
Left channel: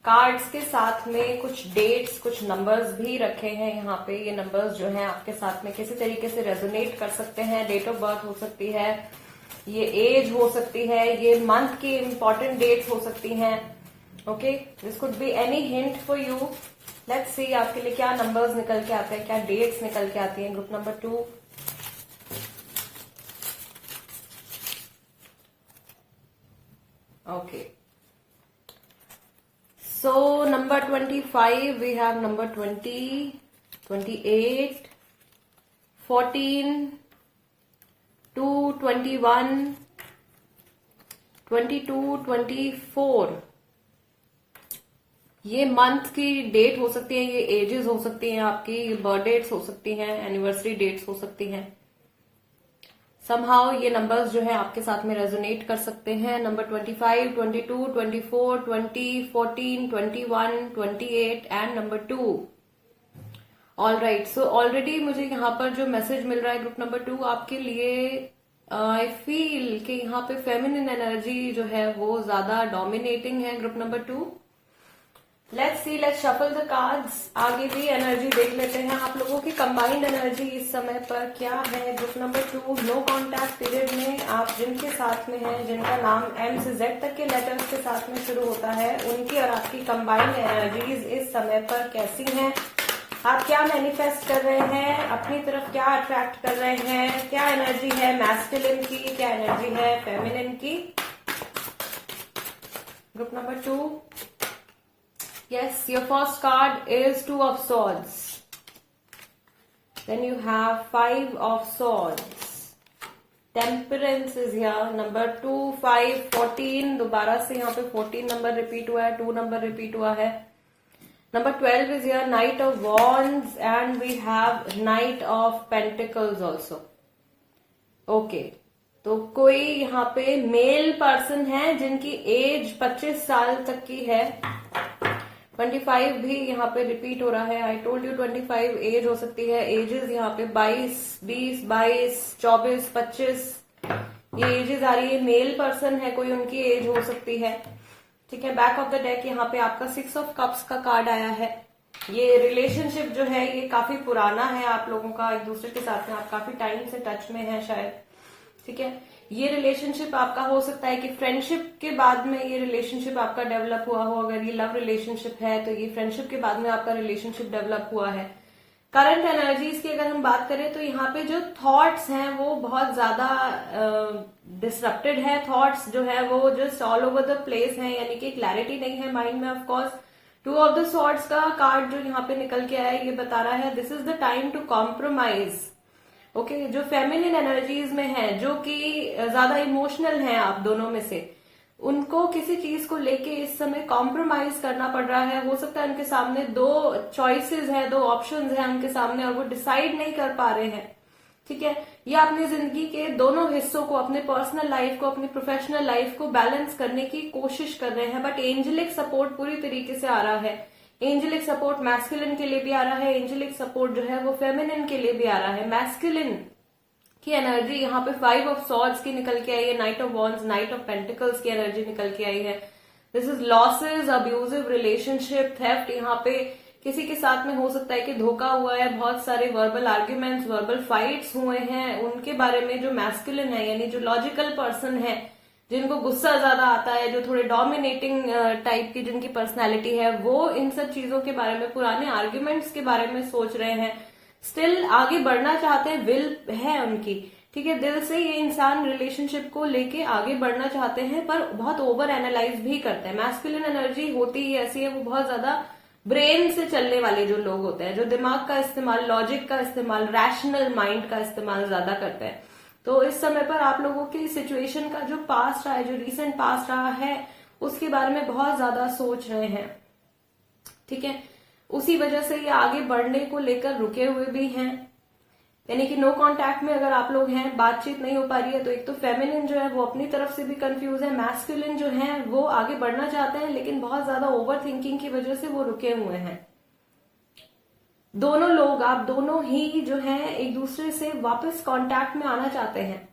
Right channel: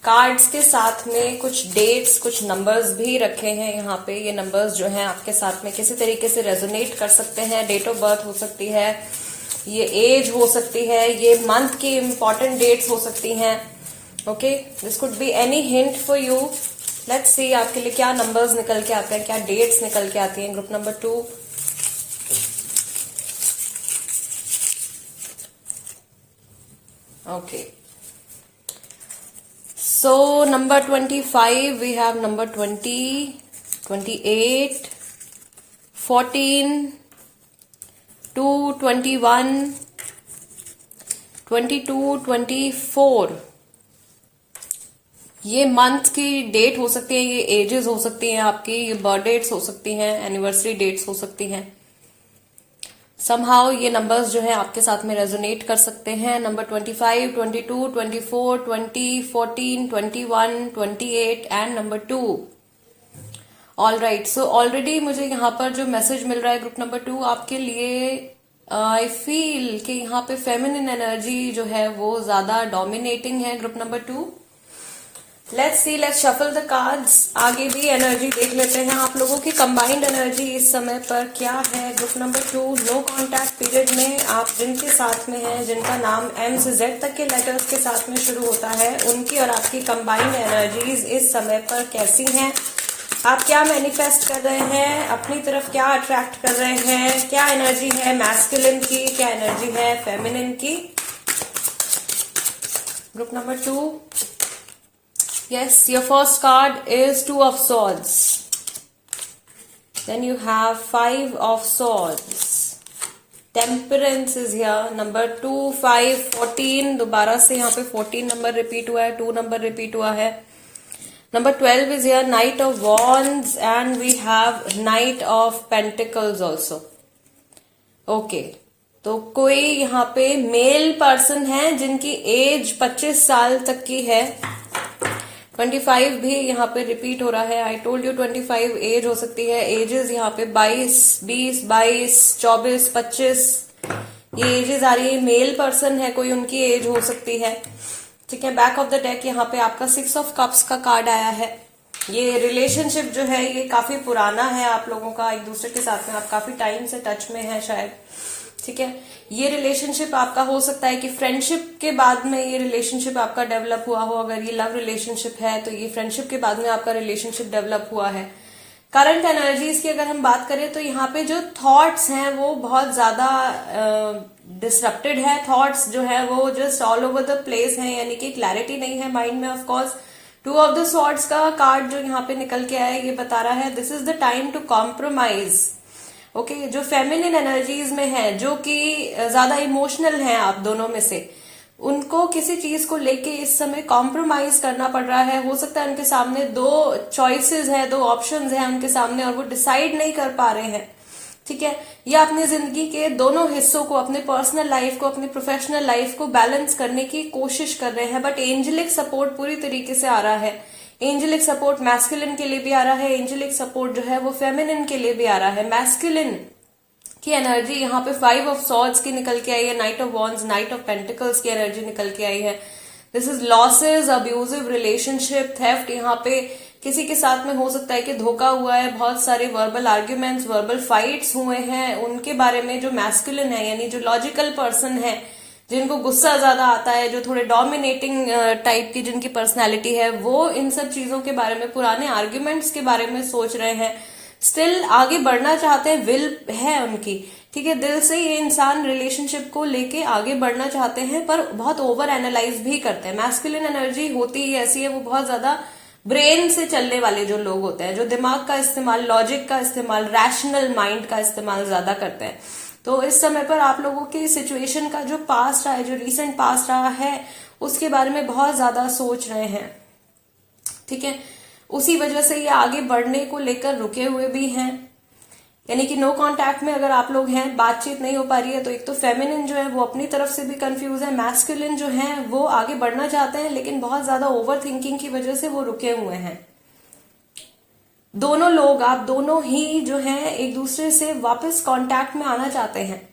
कार्ड्स के साथ में कुछ डेट्स, कुछ नंबर्स भी रखे हैं यहाँ पे। ये नंबर्स जो हैं आपके साथ में किसी तरीके से रेजोनेट कर सकते हैं। डेट ऑफ बर्थ हो सकती है, ये एज हो सकती है, ये मंथ की इंपॉर्टेंट डेट्स हो सकती हैं। Okay, this could be any hint for you. Let's see आपके लिए क्या नंबर्स निकल के आते हैं, क्या डेट्स निकल के आती हैं। Group number 2, okay, so number 25, we have number 20, 28, 14, 2, 21, 22, 24। ये मंथ की डेट हो सकती है, ये एजेस हो सकती हैं आपकी, ये बर्थ डेट्स हो सकती हैं, एनिवर्सरी डेट्स हो सकती हैं। समहाउ ये नंबर्स जो है आपके साथ में रेजोनेट कर सकते हैं। Number 25, 22, 24, 20, 14, 21, 28 and number 2। All right, so already मुझे यहाँ पर जो मैसेज मिल रहा है ग्रुप नंबर 2 आपके लिए, आई फील कि यहाँ पे फेमिनिन एनर्जी जो है वो ज्यादा डोमिनेटिंग है। Group number 2, let's see, let's shuffle the cards. आगे भी एनर्जी देख लेते हैं आप लोगों की कंबाइंड एनर्जी इस समय पर क्या है। Group number 2, no contact period में आप जिनके साथ में हैं, जिनका नाम M से Z तक के लेटर्स के साथ में शुरू होता है, उनकी और आपकी कंबाइंड एनर्जीज इस समय पर कैसी हैं। आप क्या मैनिफेस्ट कर रहे हैं, अपनी तरफ क्या अट्रैक्ट कर रहे हैं, क्या एनर्जी है मैस्कुलिन की, क्या एनर्जी है फेमिनिन की। Group number 2, yes, your first card is 2 of swords, then you have 5 of swords, temperance is here, number 2, 5, 14, दोबारा से यहाँ पे 14 नंबर रिपीट हुआ है, 2 नंबर रिपीट हुआ है। number 12 is here, knight of wands, and we have knight of pentacles also. okay, तो कोई यहाँ पे मेल पर्सन है जिनकी एज 25 साल तक की है। 25 भी यहाँ पे रिपीट हो रहा है। आई टोल्ड यू 25 एज हो सकती है। एजेस यहाँ पे 22, 20, 22, 24, 25 ये एजेस आ रही है। मेल पर्सन है कोई, उनकी एज हो सकती है। ठीक है, बैक ऑफ द डेक यहाँ पे आपका 6 ऑफ कप्स का कार्ड आया है। ये रिलेशनशिप जो है ये काफी पुराना है आप लोगों का, एक दूसरे के साथ में आप काफी टाइम से टच में है शायद, ठीक है। ये रिलेशनशिप आपका हो सकता है कि फ्रेंडशिप के बाद में ये रिलेशनशिप आपका डेवलप हुआ हो। अगर ये लव रिलेशनशिप है तो ये फ्रेंडशिप के बाद में आपका रिलेशनशिप डेवलप हुआ है। करंट एनर्जीज की अगर हम बात करें तो यहाँ पे जो थॉट्स हैं वो बहुत ज्यादा डिसरप्टेड है। थॉट्स जो है वो just all over the place है, यानी कि क्लैरिटी नहीं है माइंड में। Of course 2 of the swords का कार्ड जो यहाँ पे निकल के आया ये बता रहा है this is the time to compromise. Okay, जो फेमिनिन एनर्जीज में है, जो कि ज्यादा इमोशनल हैं आप दोनों में से, उनको किसी चीज को लेके इस समय कॉम्प्रोमाइज करना पड़ रहा है। हो सकता है उनके सामने 2 चॉइसेस हैं, 2 ऑप्शंस हैं उनके सामने और वो डिसाइड नहीं कर पा रहे हैं, ठीक है। या अपनी जिंदगी के दोनों हिस्सों को, अपने पर्सनल लाइफ को, अपनी प्रोफेशनल लाइफ को बैलेंस करने की कोशिश कर रहे हैं। बट एंजेलिक सपोर्ट पूरी तरीके से आ रहा है। एंजेलिक सपोर्ट मैस्कुलिन के लिए भी आ रहा है, एंजेलिक सपोर्ट जो है वो फेमिनिन के लिए भी आ रहा है। मैस्कुलिन की एनर्जी यहाँ पे 5 ऑफ सॉर्ड्स की निकल के आई है, night of wands, night of pentacles की एनर्जी निकल के आई है। This is losses, abusive relationship, theft. यहाँ पे किसी के साथ में हो सकता है कि धोखा हुआ है, बहुत सारे वर्बल आर्ग्यूमेंट्स, वर्बल फाइट्स हुए हैं उनके बारे में। जो मैस्कुलिन है यानी जो लॉजिकल पर्सन है, जिनको गुस्सा ज्यादा आता है, जो थोड़े डोमिनेटिंग टाइप की जिनकी पर्सनैलिटी है, वो इन सब चीजों के बारे में, पुराने आर्ग्यूमेंट्स के बारे में सोच रहे हैं। स्टिल आगे बढ़ना चाहते हैं, विल है उनकी, ठीक है। दिल से ये इंसान रिलेशनशिप को लेके आगे बढ़ना चाहते हैं, पर बहुत ओवर एनालाइज भी करते हैं। मैस्कुलिन एनर्जी होती ही ऐसी है, वो बहुत ज्यादा ब्रेन से चलने वाले जो लोग होते हैं, जो दिमाग का इस्तेमाल, लॉजिक का इस्तेमाल, रैशनल माइंड का इस्तेमाल ज्यादा करते हैं। तो इस समय पर आप लोगों की सिचुएशन का जो पास्ट रहा है, जो रिसेंट पास्ट रहा है, उसके बारे में बहुत ज्यादा सोच रहे हैं, ठीक है। उसी वजह से ये आगे बढ़ने को लेकर रुके हुए भी हैं, यानी कि नो कांटेक्ट में अगर आप लोग हैं, बातचीत नहीं हो पा रही है, तो एक तो फेमिनिन जो है वो अपनी तरफ से भी कंफ्यूज है, मैस्कुलिन जो है वो आगे बढ़ना चाहते हैं लेकिन बहुत ज्यादा ओवर थिंकिंग की वजह से वो रुके हुए हैं। दोनों लोग, आप दोनों ही जो है एक दूसरे से वापस कांटेक्ट में आना चाहते हैं,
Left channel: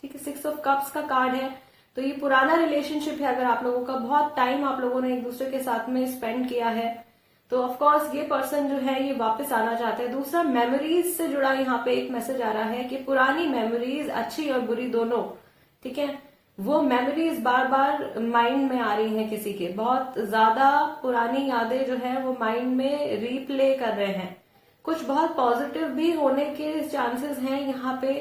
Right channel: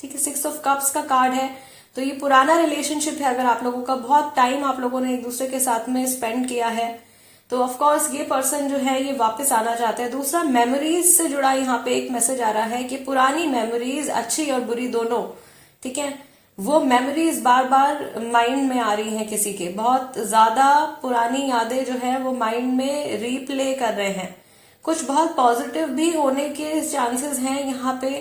ठीक है। 6 ऑफ कप्स का कार्ड है, तो ये पुराना रिलेशनशिप है। अगर आप लोगों का बहुत टाइम आप लोगों ने एक दूसरे के साथ में स्पेंड किया है तो ऑफ कोर्स ये पर्सन जो है ये वापस आना चाहते हैं। दूसरा, मेमोरीज से जुड़ा यहाँ पे एक मैसेज आ रहा है कि पुरानी मेमोरीज, अच्छी और बुरी दोनों, ठीक है, वो मेमोरीज बार बार माइंड में आ रही हैं किसी के। बहुत ज्यादा पुरानी यादें जो है वो माइंड में रीप्ले कर रहे हैं। कुछ बहुत पॉजिटिव भी होने के चांसेस हैं यहाँ पे,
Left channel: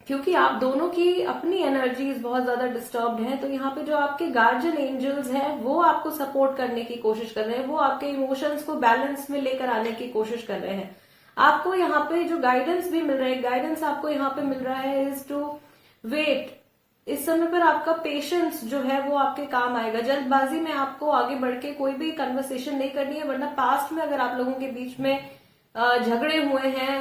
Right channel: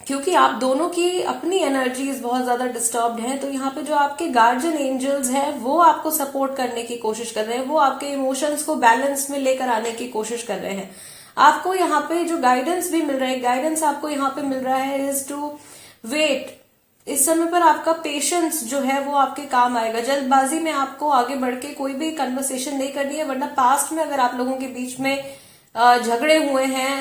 क्योंकि आप दोनों की अपनी एनर्जीज बहुत ज्यादा डिस्टर्ब्ड हैं। तो यहाँ पे जो आपके गार्जियन एंजल्स हैं वो आपको सपोर्ट करने की कोशिश कर रहे हैं, वो आपके इमोशंस को बैलेंस में लेकर आने की कोशिश कर रहे हैं। आपको यहाँ पे जो गाइडेंस भी मिल रहा है, गाइडेंस आपको यहाँ पे मिल रहा है इज टू वेट। इस समय पर आपका पेशेंस जो है वो आपके काम आएगा। जल्दबाजी में आपको आगे बढ़ के कोई भी कन्वर्सेशन नहीं करनी है, वरना पास्ट में अगर आप लोगों के बीच में झगड़े हुए हैं,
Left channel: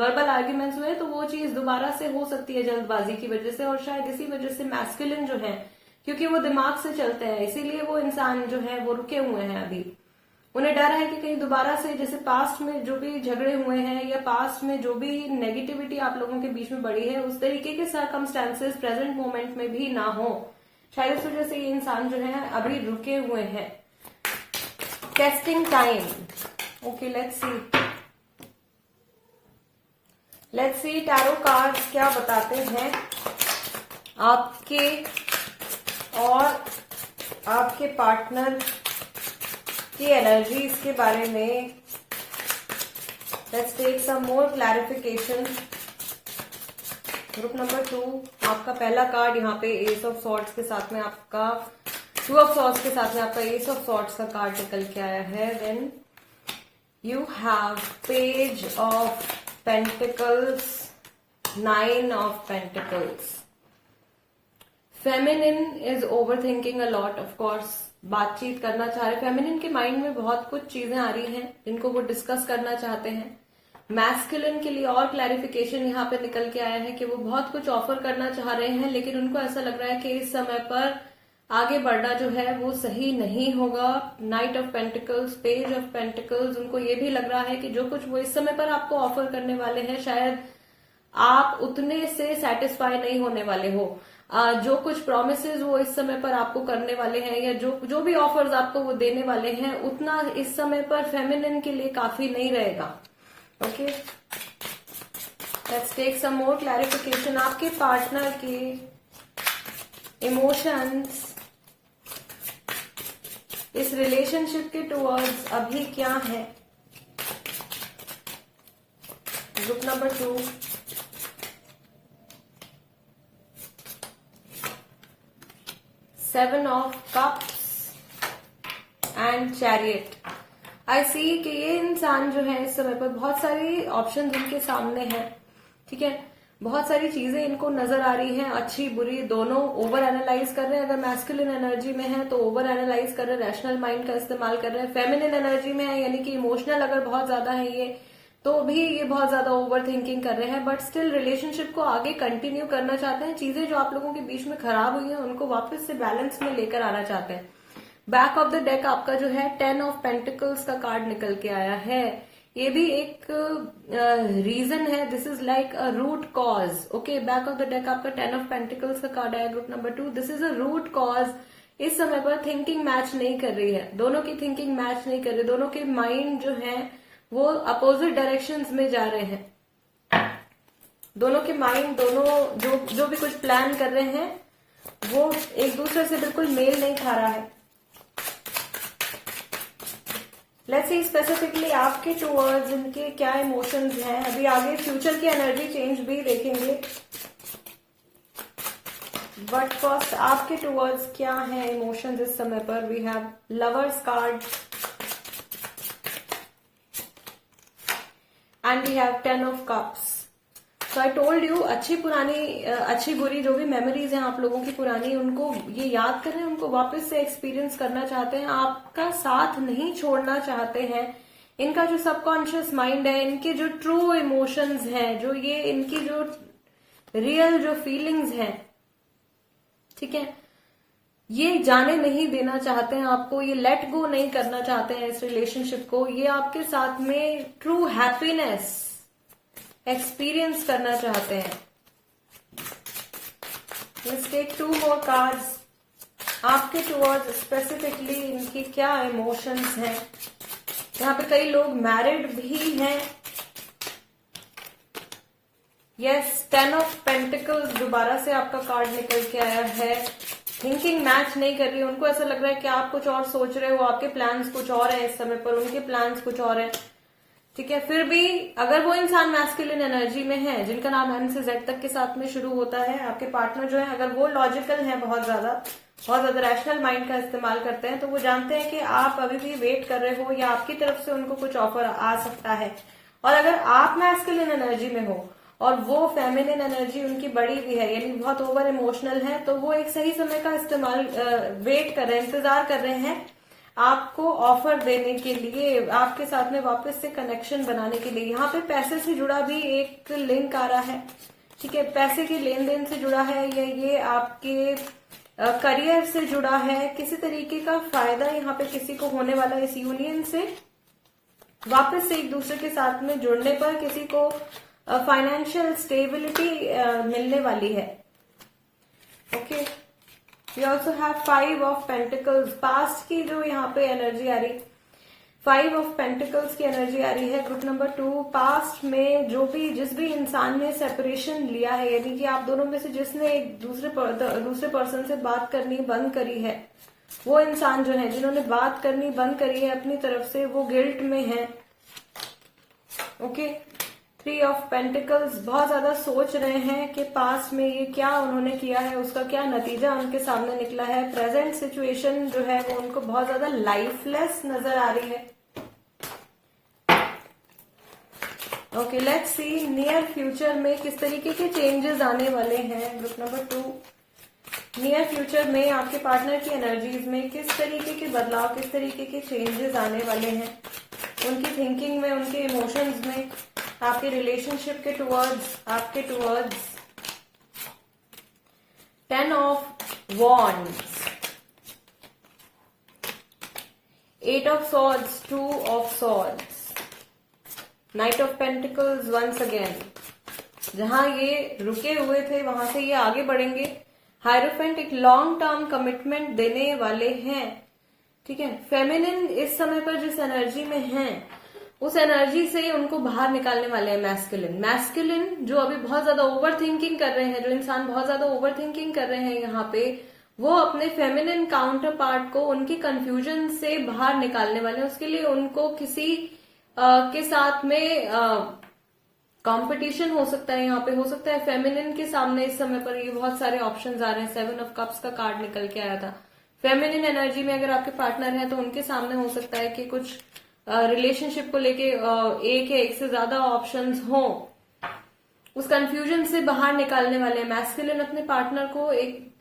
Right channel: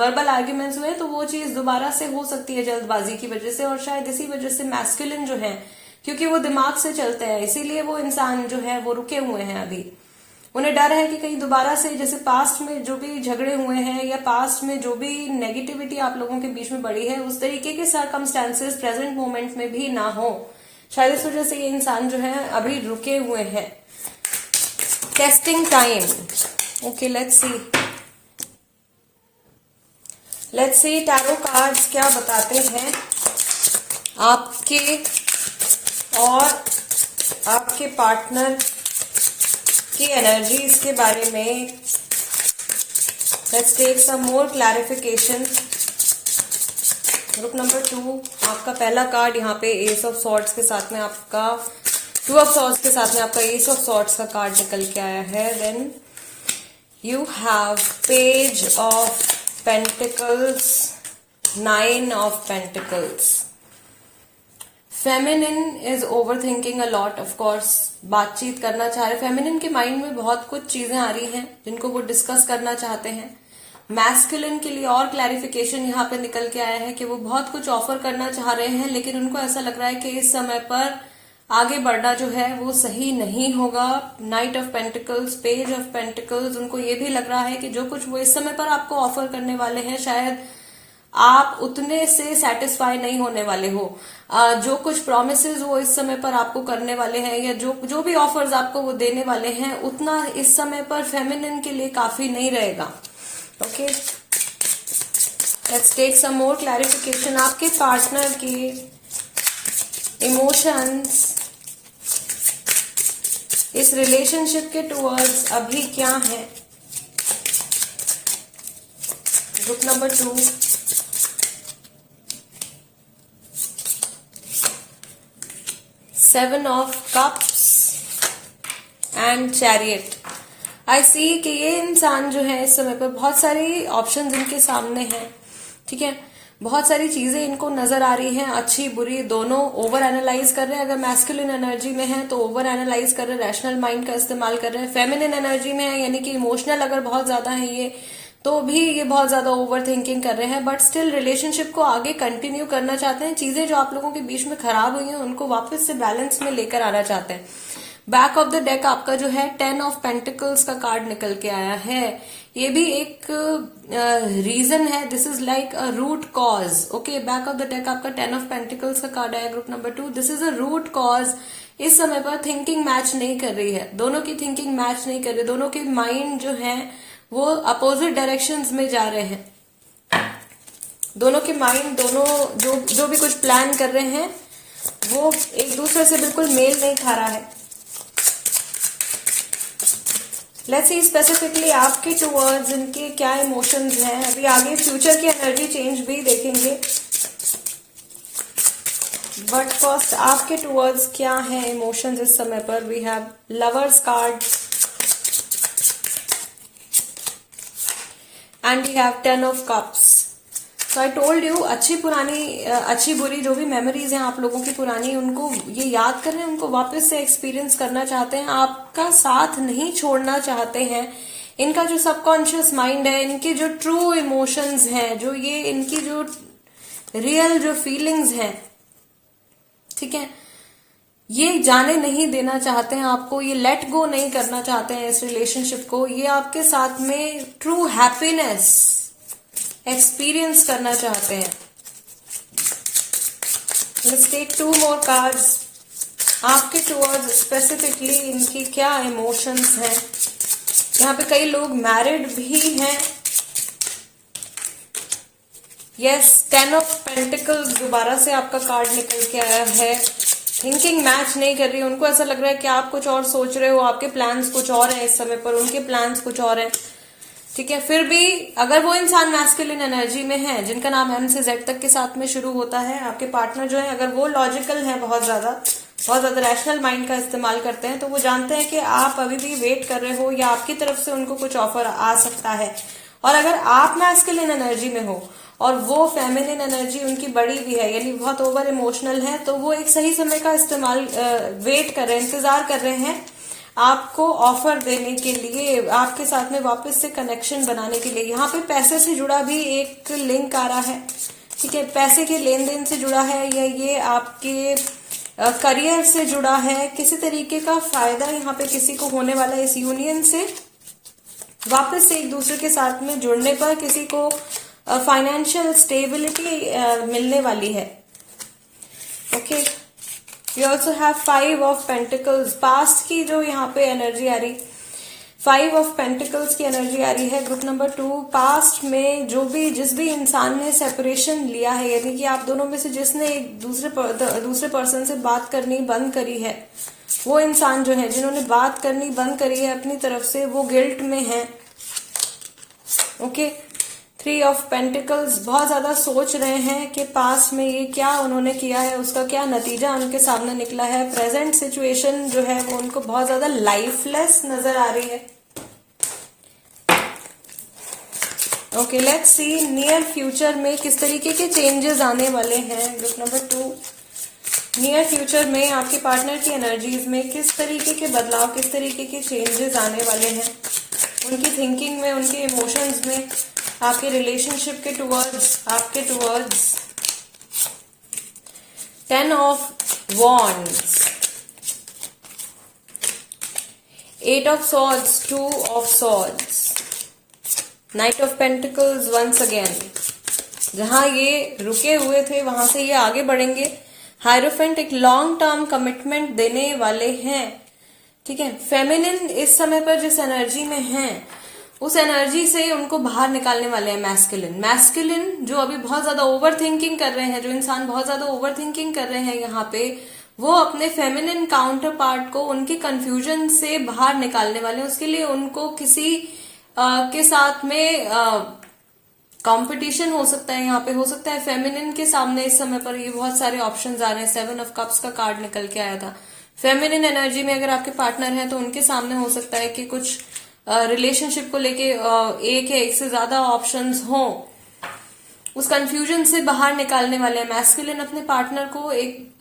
वर्बल आर्ग्यूमेंट्स हुए हैं, तो वो चीज दोबारा से हो सकती है जल्दबाजी की वजह से। और शायद इसी वजह से मैस्कुलिन जो है, क्योंकि वो दिमाग से चलते हैं, इसीलिए वो इंसान जो है वो रुके हुए हैं अभी। उन्हें डर है कि कहीं दोबारा से जैसे पास्ट में जो भी झगड़े हुए हैं या पास्ट में जो भी नेगेटिविटी आप लोगों के बीच में बढ़ी है, उस तरीके के सर्कमस्टेंसेस प्रेजेंट मोमेंट में भी ना हो। शायद इस वजह से ये इंसान जो है अभी रुके हुए हैं। Testing time. Okay, let's see tarot cards क्या बताते हैं आपके और आपके पार्टनर की एनर्जीज के बारे में। Let's take some more clarification. Group number 2, आपका पहला कार्ड यहाँ पे एस ऑफ सॉर्ड्स के साथ में, आपका 2 ऑफ सॉर्ड्स के साथ में आपका एस ऑफ सॉर्ड्स का कार्ड निकल के आया है। Then you have page of pentacles, 9 of pentacles. Feminine is over thinking a lot. Of course बातचीत करना चाह रहे, फेमिनिन के माइंड में बहुत कुछ चीजें आ रही हैं जिनको वो डिस्कस करना चाहते हैं। मैस्कुलिन के लिए और क्लैरिफिकेशन यहाँ पे निकल के आया है कि वो बहुत कुछ ऑफर करना चाह रहे हैं, लेकिन उनको ऐसा लग रहा है कि इस समय पर आगे बढ़ना जो है वो सही नहीं होगा। Night of pentacles, page of pentacles, उनको ये भी लग रहा है कि जो कुछ वो इस समय पर आपको ऑफर करने वाले हैं शायद आप उतने से सेटिस्फाई नहीं होने वाले हो। जो कुछ प्रोमिसेस वो इस समय पर आपको करने वाले हैं, या जो भी ऑफर्स आपको वो देने वाले हैं, उतना इस समय पर फेमिनिन के लिए काफी नहीं रहेगा। Okay, let's take some more clarification. आपके पार्टनर की इमोशंस इस रिलेशनशिप के टुवर्ड्स अभी क्या है? Group number 2, seven of cups and chariot. I see कि ये इंसान जो है इस समय पर बहुत सारी ऑप्शंस इनके सामने हैं, ठीक है, बहुत सारी चीजें इनको नजर आ रही हैं, अच्छी बुरी दोनों। ओवर एनालाइज कर रहे हैं, अगर मैस्कुलिन एनर्जी में है तो ओवर एनालाइज कर रहे हैं, रैशनल माइंड का इस्तेमाल कर रहे हैं। फेमिनिन एनर्जी में है यानी कि इमोशनल अगर बहुत ज्यादा है ये, तो भी ये बहुत ज्यादा ओवर थिंकिंग कर रहे हैं, बट स्टिल रिलेशनशिप को आगे कंटिन्यू करना चाहते हैं। चीजें जो आप लोगों के बीच में खराब हुई हैं उनको वापस से बैलेंस में लेकर आना चाहते हैं। बैक ऑफ द डेक आपका जो है 10 ऑफ पेंटिकल्स का कार्ड निकल के आया है। ये भी एक रीजन है, this is like a root cause. Okay, back of the deck आपका 10 ऑफ पेंटिकल्स का कार्ड आया group number 2। This is a root cause. इस समय पर थिंकिंग मैच नहीं कर रही है, दोनों की थिंकिंग मैच नहीं कर रही, दोनों के माइंड जो है वो अपोजिट डायरेक्शंस में जा रहे हैं। दोनों के माइंड, दोनों जो भी कुछ प्लान कर रहे हैं वो एक दूसरे से बिल्कुल मेल नहीं खा रहा है। लेट्स सी स्पेसिफिकली आपके टुवर्ड्स इनके क्या इमोशंस हैं। अभी आगे फ्यूचर की एनर्जी चेंज भी देखेंगे, बट फर्स्ट आपके टुवर्ड्स क्या है इमोशंस इस समय पर। We have lovers card and we have 10 of cups. So I told you, अच्छी बुरी जो भी मेमोरीज हैं आप लोगों की पुरानी, उनको ये याद कर रहे हैं, उनको वापस से एक्सपीरियंस करना चाहते हैं, आपका साथ नहीं छोड़ना चाहते हैं। इनका जो सबकॉन्शियस माइंड है, इनके जो ट्रू इमोशंस हैं, जो ये इनकी जो रियल जो फीलिंग्स हैं, ठीक है, ये जाने नहीं देना चाहते हैं आपको, ये लेट गो नहीं करना चाहते हैं इस रिलेशनशिप को। ये आपके साथ में ट्रू हैप्पीनेस एक्सपीरियंस करना चाहते हैं। Let's take 2 more cards. आपके टुवर्ड्स स्पेसिफिकली इनकी क्या इमोशंस हैं। यहाँ पे कई लोग मैरिड भी हैं। यस, 10 ऑफ पेंटिकल्स दोबारा से आपका कार्ड निकल के आया है। थिंकिंग मैच नहीं कर रही, उनको ऐसा लग रहा है कि आप कुछ और सोच रहे हो, आपके प्लान्स कुछ और हैं इस समय पर, उनके प्लान्स कुछ और हैं, ठीक है। फिर भी अगर वो इंसान मैस्कुलिन एनर्जी में है, जिनका नाम एम से जेड तक के साथ में शुरू होता है, आपके पार्टनर जो है, अगर वो लॉजिकल है, बहुत ज्यादा रैशनल माइंड का इस्तेमाल करते हैं, तो वो जानते हैं कि आप अभी भी वेट कर रहे हो या आपकी तरफ से उनको कुछ ऑफर आ सकता है। और अगर आप मैस्कुलिन एनर्जी में हो और वो फेमिनिन एनर्जी उनकी बड़ी भी है, यानी बहुत ओवर इमोशनल है, तो वो एक सही समय का इस्तेमाल वेट कर रहे हैं, इंतजार कर रहे हैं आपको ऑफर देने के लिए, आपके साथ में वापस से कनेक्शन बनाने के लिए। यहाँ पे पैसे से जुड़ा भी एक लिंक आ रहा है, ठीक है, पैसे के लेन देन से जुड़ा है, या ये आपके करियर से जुड़ा है, किसी तरीके का फायदा यहाँ पे किसी को होने वाला है इस यूनियन से। वापस से एक दूसरे के साथ में जुड़ने पर किसी को फाइनेंशियल स्टेबिलिटी मिलने वाली है। Okay, you also have 5 of pentacles. Past की जो यहाँ पे एनर्जी आ रही, 5 ऑफ पेंटिकल्स की एनर्जी आ रही है ग्रुप नंबर 2। पास्ट में जिस भी इंसान ने सेपरेशन लिया है, यानी कि आप दोनों में से जिसने एक दूसरे पर्सन से बात करनी बंद करी है, वो इंसान जो है, जिन्होंने बात करनी बंद करी है अपनी तरफ से, वो गिल्ट में है। ओके, 3 ऑफ पेंटिकल्स, बहुत ज्यादा सोच रहे हैं कि पास्ट में ये क्या उन्होंने किया है, उसका क्या नतीजा उनके सामने निकला है। प्रेजेंट सिचुएशन जो है वो उनको बहुत ज्यादा लाइफलेस नजर आ रही है। Okay, let's see near future में किस तरीके के चेंजेस आने वाले हैं। ग्रुप नंबर 2, नियर फ्यूचर में आपके पार्टनर की एनर्जीज में किस तरीके के बदलाव, किस तरीके के चेंजेस आने वाले हैं उनकी थिंकिंग में, उनके इमोशंस में, आपके रिलेशनशिप के टुवर्ड्स, आपके towards. 10 of wands, 8 of swords, 2 of swords, knight of pentacles once again, जहां ये रुके हुए थे वहां से ये आगे बढ़ेंगे। हायरोफेंट एक लॉन्ग टर्म कमिटमेंट देने वाले हैं, ठीक है। फेमिनिन इस समय पर जिस एनर्जी में है उस एनर्जी से उनको बाहर निकालने वाले हैं मैस्कुलिन। मैस्कुलिन जो अभी बहुत ज्यादा ओवर थिंकिंग कर रहे हैं, जो इंसान बहुत ज्यादा ओवर थिंकिंग कर रहे हैं यहाँ पे, वो अपने फेमिनिन काउंटर पार्ट को उनके कंफ्यूजन से बाहर निकालने वाले हैं। उसके लिए उनको किसी के साथ में कंपटीशन हो सकता है, यहाँ पे हो सकता है फेमिनिन के सामने इस समय पर ये बहुत सारे ऑप्शंस आ रहे हैं। 7 ऑफ कप्स का कार्ड निकल के आया था। फेमिनिन एनर्जी में अगर आपके पार्टनर हैं तो उनके सामने हो सकता है कि कुछ रिलेशनशिप को लेके एक या एक से ज्यादा ऑप्शंस हो। उस कंफ्यूजन से बाहर निकालने वाले मैस्कुलिन अपने पार्टनर को एक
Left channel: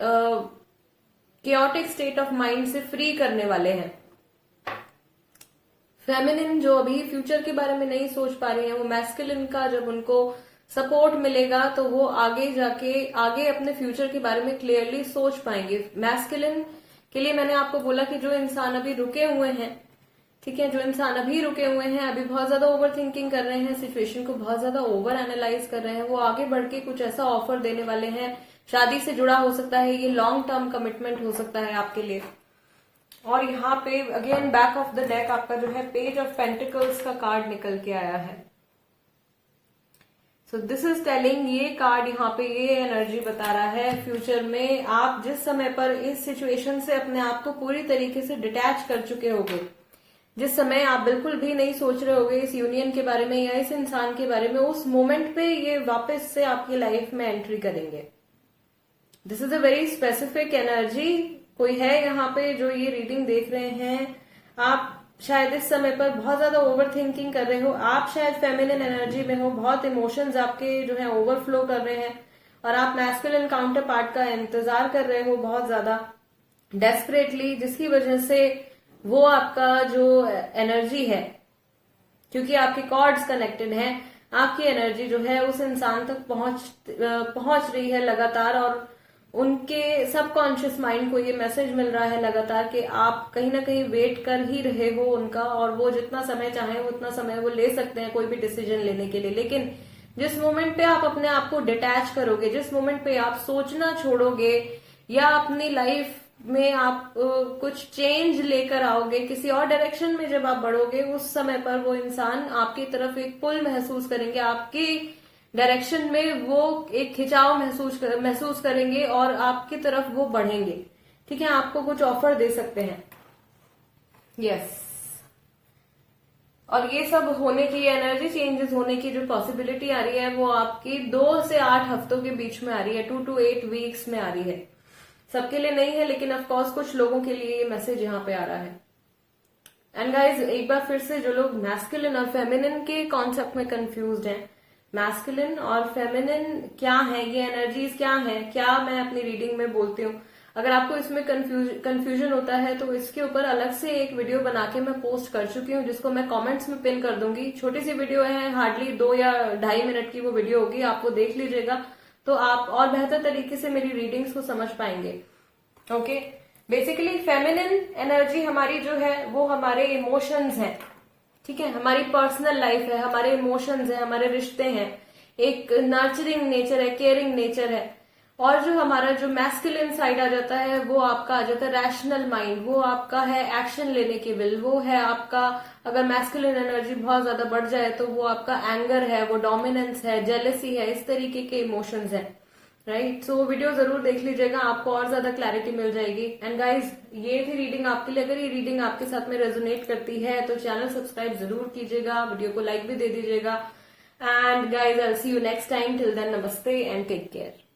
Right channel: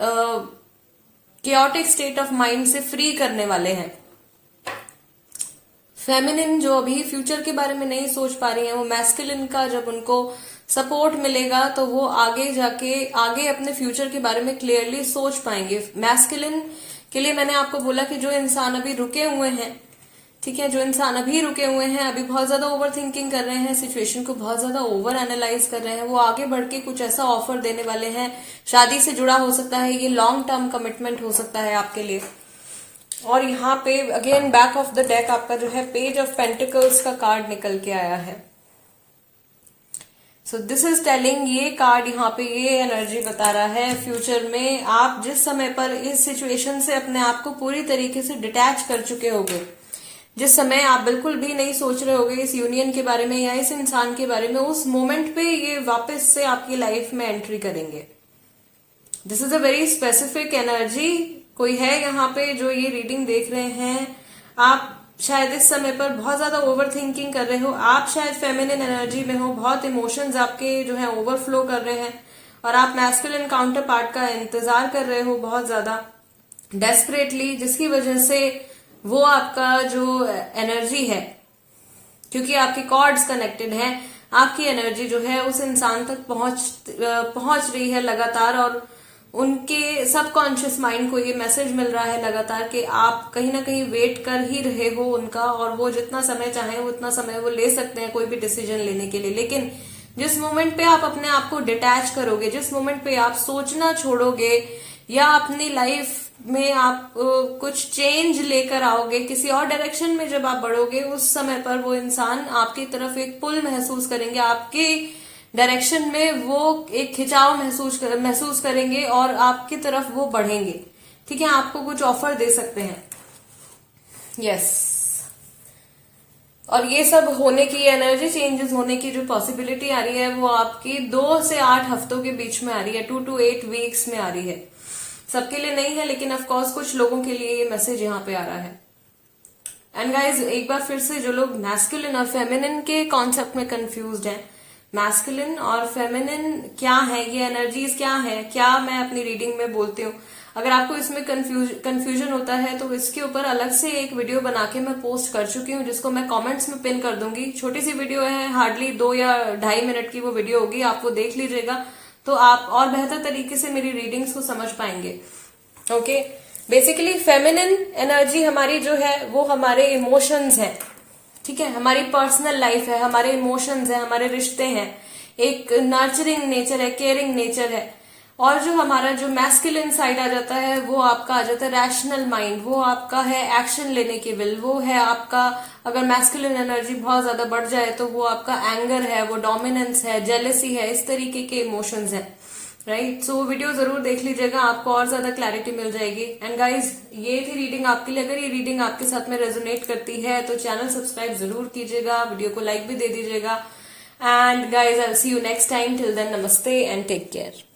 chaotic स्टेट ऑफ माइंड से फ्री करने वाले हैं। फेमिनिन जो अभी फ्यूचर के बारे में नहीं सोच पा रही है, वो मैस्कुलिन का जब उनको सपोर्ट मिलेगा तो वो आगे जाके आगे अपने फ्यूचर के बारे में क्लियरली सोच पाएंगे। मैस्कुलिन के लिए मैंने आपको बोला कि जो इंसान अभी रुके हुए हैं, ठीक है, जो इंसान अभी रुके हुए हैं, अभी बहुत ज्यादा ओवर थिंकिंग कर रहे हैं, सिचुएशन को बहुत ज्यादा ओवर एनालाइज कर रहे हैं, वो आगे बढ़ के कुछ ऐसा ऑफर देने वाले हैं। शादी से जुड़ा हो सकता है, ये लॉन्ग टर्म कमिटमेंट हो सकता है आपके लिए। और यहाँ पे again back of the deck आपका जो है पेज ऑफ पेंटिकल्स का कार्ड निकल के आया है। सो दिस इज टेलिंग, ये कार्ड यहाँ पे ये एनर्जी बता रहा है फ्यूचर में आप जिस समय पर इस सिचुएशन से अपने आप को पूरी तरीके से डिटैच कर चुके होगे, जिस समय आप बिल्कुल भी नहीं सोच रहे होगे इस यूनियन के बारे में या इस इंसान के बारे में, उस मोमेंट पे ये वापस से आपकी लाइफ में एंट्री करेंगे। This is a very specific energy. कोई है यहाँ पे जो ये रीडिंग देख रहे हैं, आप शायद इस समय पर बहुत ज्यादा ओवर थिंकिंग कर रहे हो, आप शायद फेमिनिन एनर्जी में हो, बहुत इमोशंस आपके जो है ओवरफ्लो कर रहे हैं और आप मैस्कुलिन काउंटर पार्ट का इंतजार कर रहे हो बहुत ज्यादा डेस्परेटली, जिसकी वजह से वो आपका जो एनर्जी है, क्योंकि आपकी कॉर्ड्स कनेक्टेड हैं, आपकी एनर्जी जो है उस इंसान तक पहुंच रही है लगातार और उनके सबकॉन्शियस माइंड को ये मैसेज मिल रहा है लगातार कि आप कहीं ना कहीं वेट कर ही रहे हो उनका, और वो जितना समय चाहे उतना समय वो ले सकते हैं कोई भी डिसीजन लेने के लिए। लेकिन जिस मोमेंट पे आप अपने आप को डिटैच करोगे, जिस मोमेंट पे आप सोचना छोड़ोगे या अपनी लाइफ में आप कुछ चेंज लेकर आओगे, किसी और डायरेक्शन में जब आप बढ़ोगे, उस समय पर वो इंसान आपकी तरफ एक पुल महसूस करेंगे, आपकी डायरेक्शन में वो एक खिंचाव महसूस करेंगे और आपकी तरफ वो बढ़ेंगे, ठीक है, आपको कुछ ऑफर दे सकते हैं। यस, और ये सब होने की, एनर्जी चेंजेस होने की जो पॉसिबिलिटी आ रही है वो आपकी 2 से 8 हफ्तों के बीच में आ रही है, 2 to 8 वीक्स में आ रही है। सबके लिए नहीं है, लेकिन ऑफ कोर्स कुछ लोगों के लिए ये मैसेज यहाँ पे आ रहा है। एंड गाइज, एक बार फिर से जो लोग मैस्कुलिन और फेमिनिन के कॉन्सेप्ट में कंफ्यूज्ड हैं, मैस्कुलिन और फेमिनिन क्या है, ये एनर्जीज क्या है, क्या मैं अपनी रीडिंग में बोलती हूँ, अगर आपको इसमें कंफ्यूजन होता है तो इसके ऊपर अलग से एक वीडियो बना के मैं पोस्ट कर चुकी हूँ, जिसको मैं कमेंट्स में पिन कर दूंगी। छोटी सी वीडियो है, हार्डली 2 या 2.5 मिनट की वो वीडियो होगी, आप वो देख लीजिएगा तो आप और बेहतर तरीके से मेरी रीडिंग्स को समझ पाएंगे। ओके, बेसिकली फेमिनिन एनर्जी हमारी जो है वो हमारे इमोशंस है, ठीक है, हमारी पर्सनल लाइफ है, हमारे इमोशंस है, हमारे रिश्ते हैं, एक नर्चरिंग नेचर है, केयरिंग नेचर है। और जो हमारा जो मैस्कुलिन साइड आ जाता है वो आपका आ जाता है रैशनल माइंड, वो आपका है एक्शन लेने की विल, वो है आपका, अगर मैस्कुलिन एनर्जी बहुत ज्यादा बढ़ जाए तो वो आपका एंगर है, वो डोमिनेंस है, जेलसी है, इस तरीके के इमोशंस है, राइट। सो वीडियो जरूर देख लीजिएगा, आपको और ज्यादा क्लैरिटी मिल जाएगी। एंड गाइज, ये थी रीडिंग आपके लिए। अगर ये रीडिंग आपके साथ में रेजोनेट करती है तो चैनल सब्सक्राइब जरूर कीजिएगा, वीडियो को लाइक भी दे दीजिएगा। And guys, I will see you next time. Till then, नमस्ते एंड टेक केयर।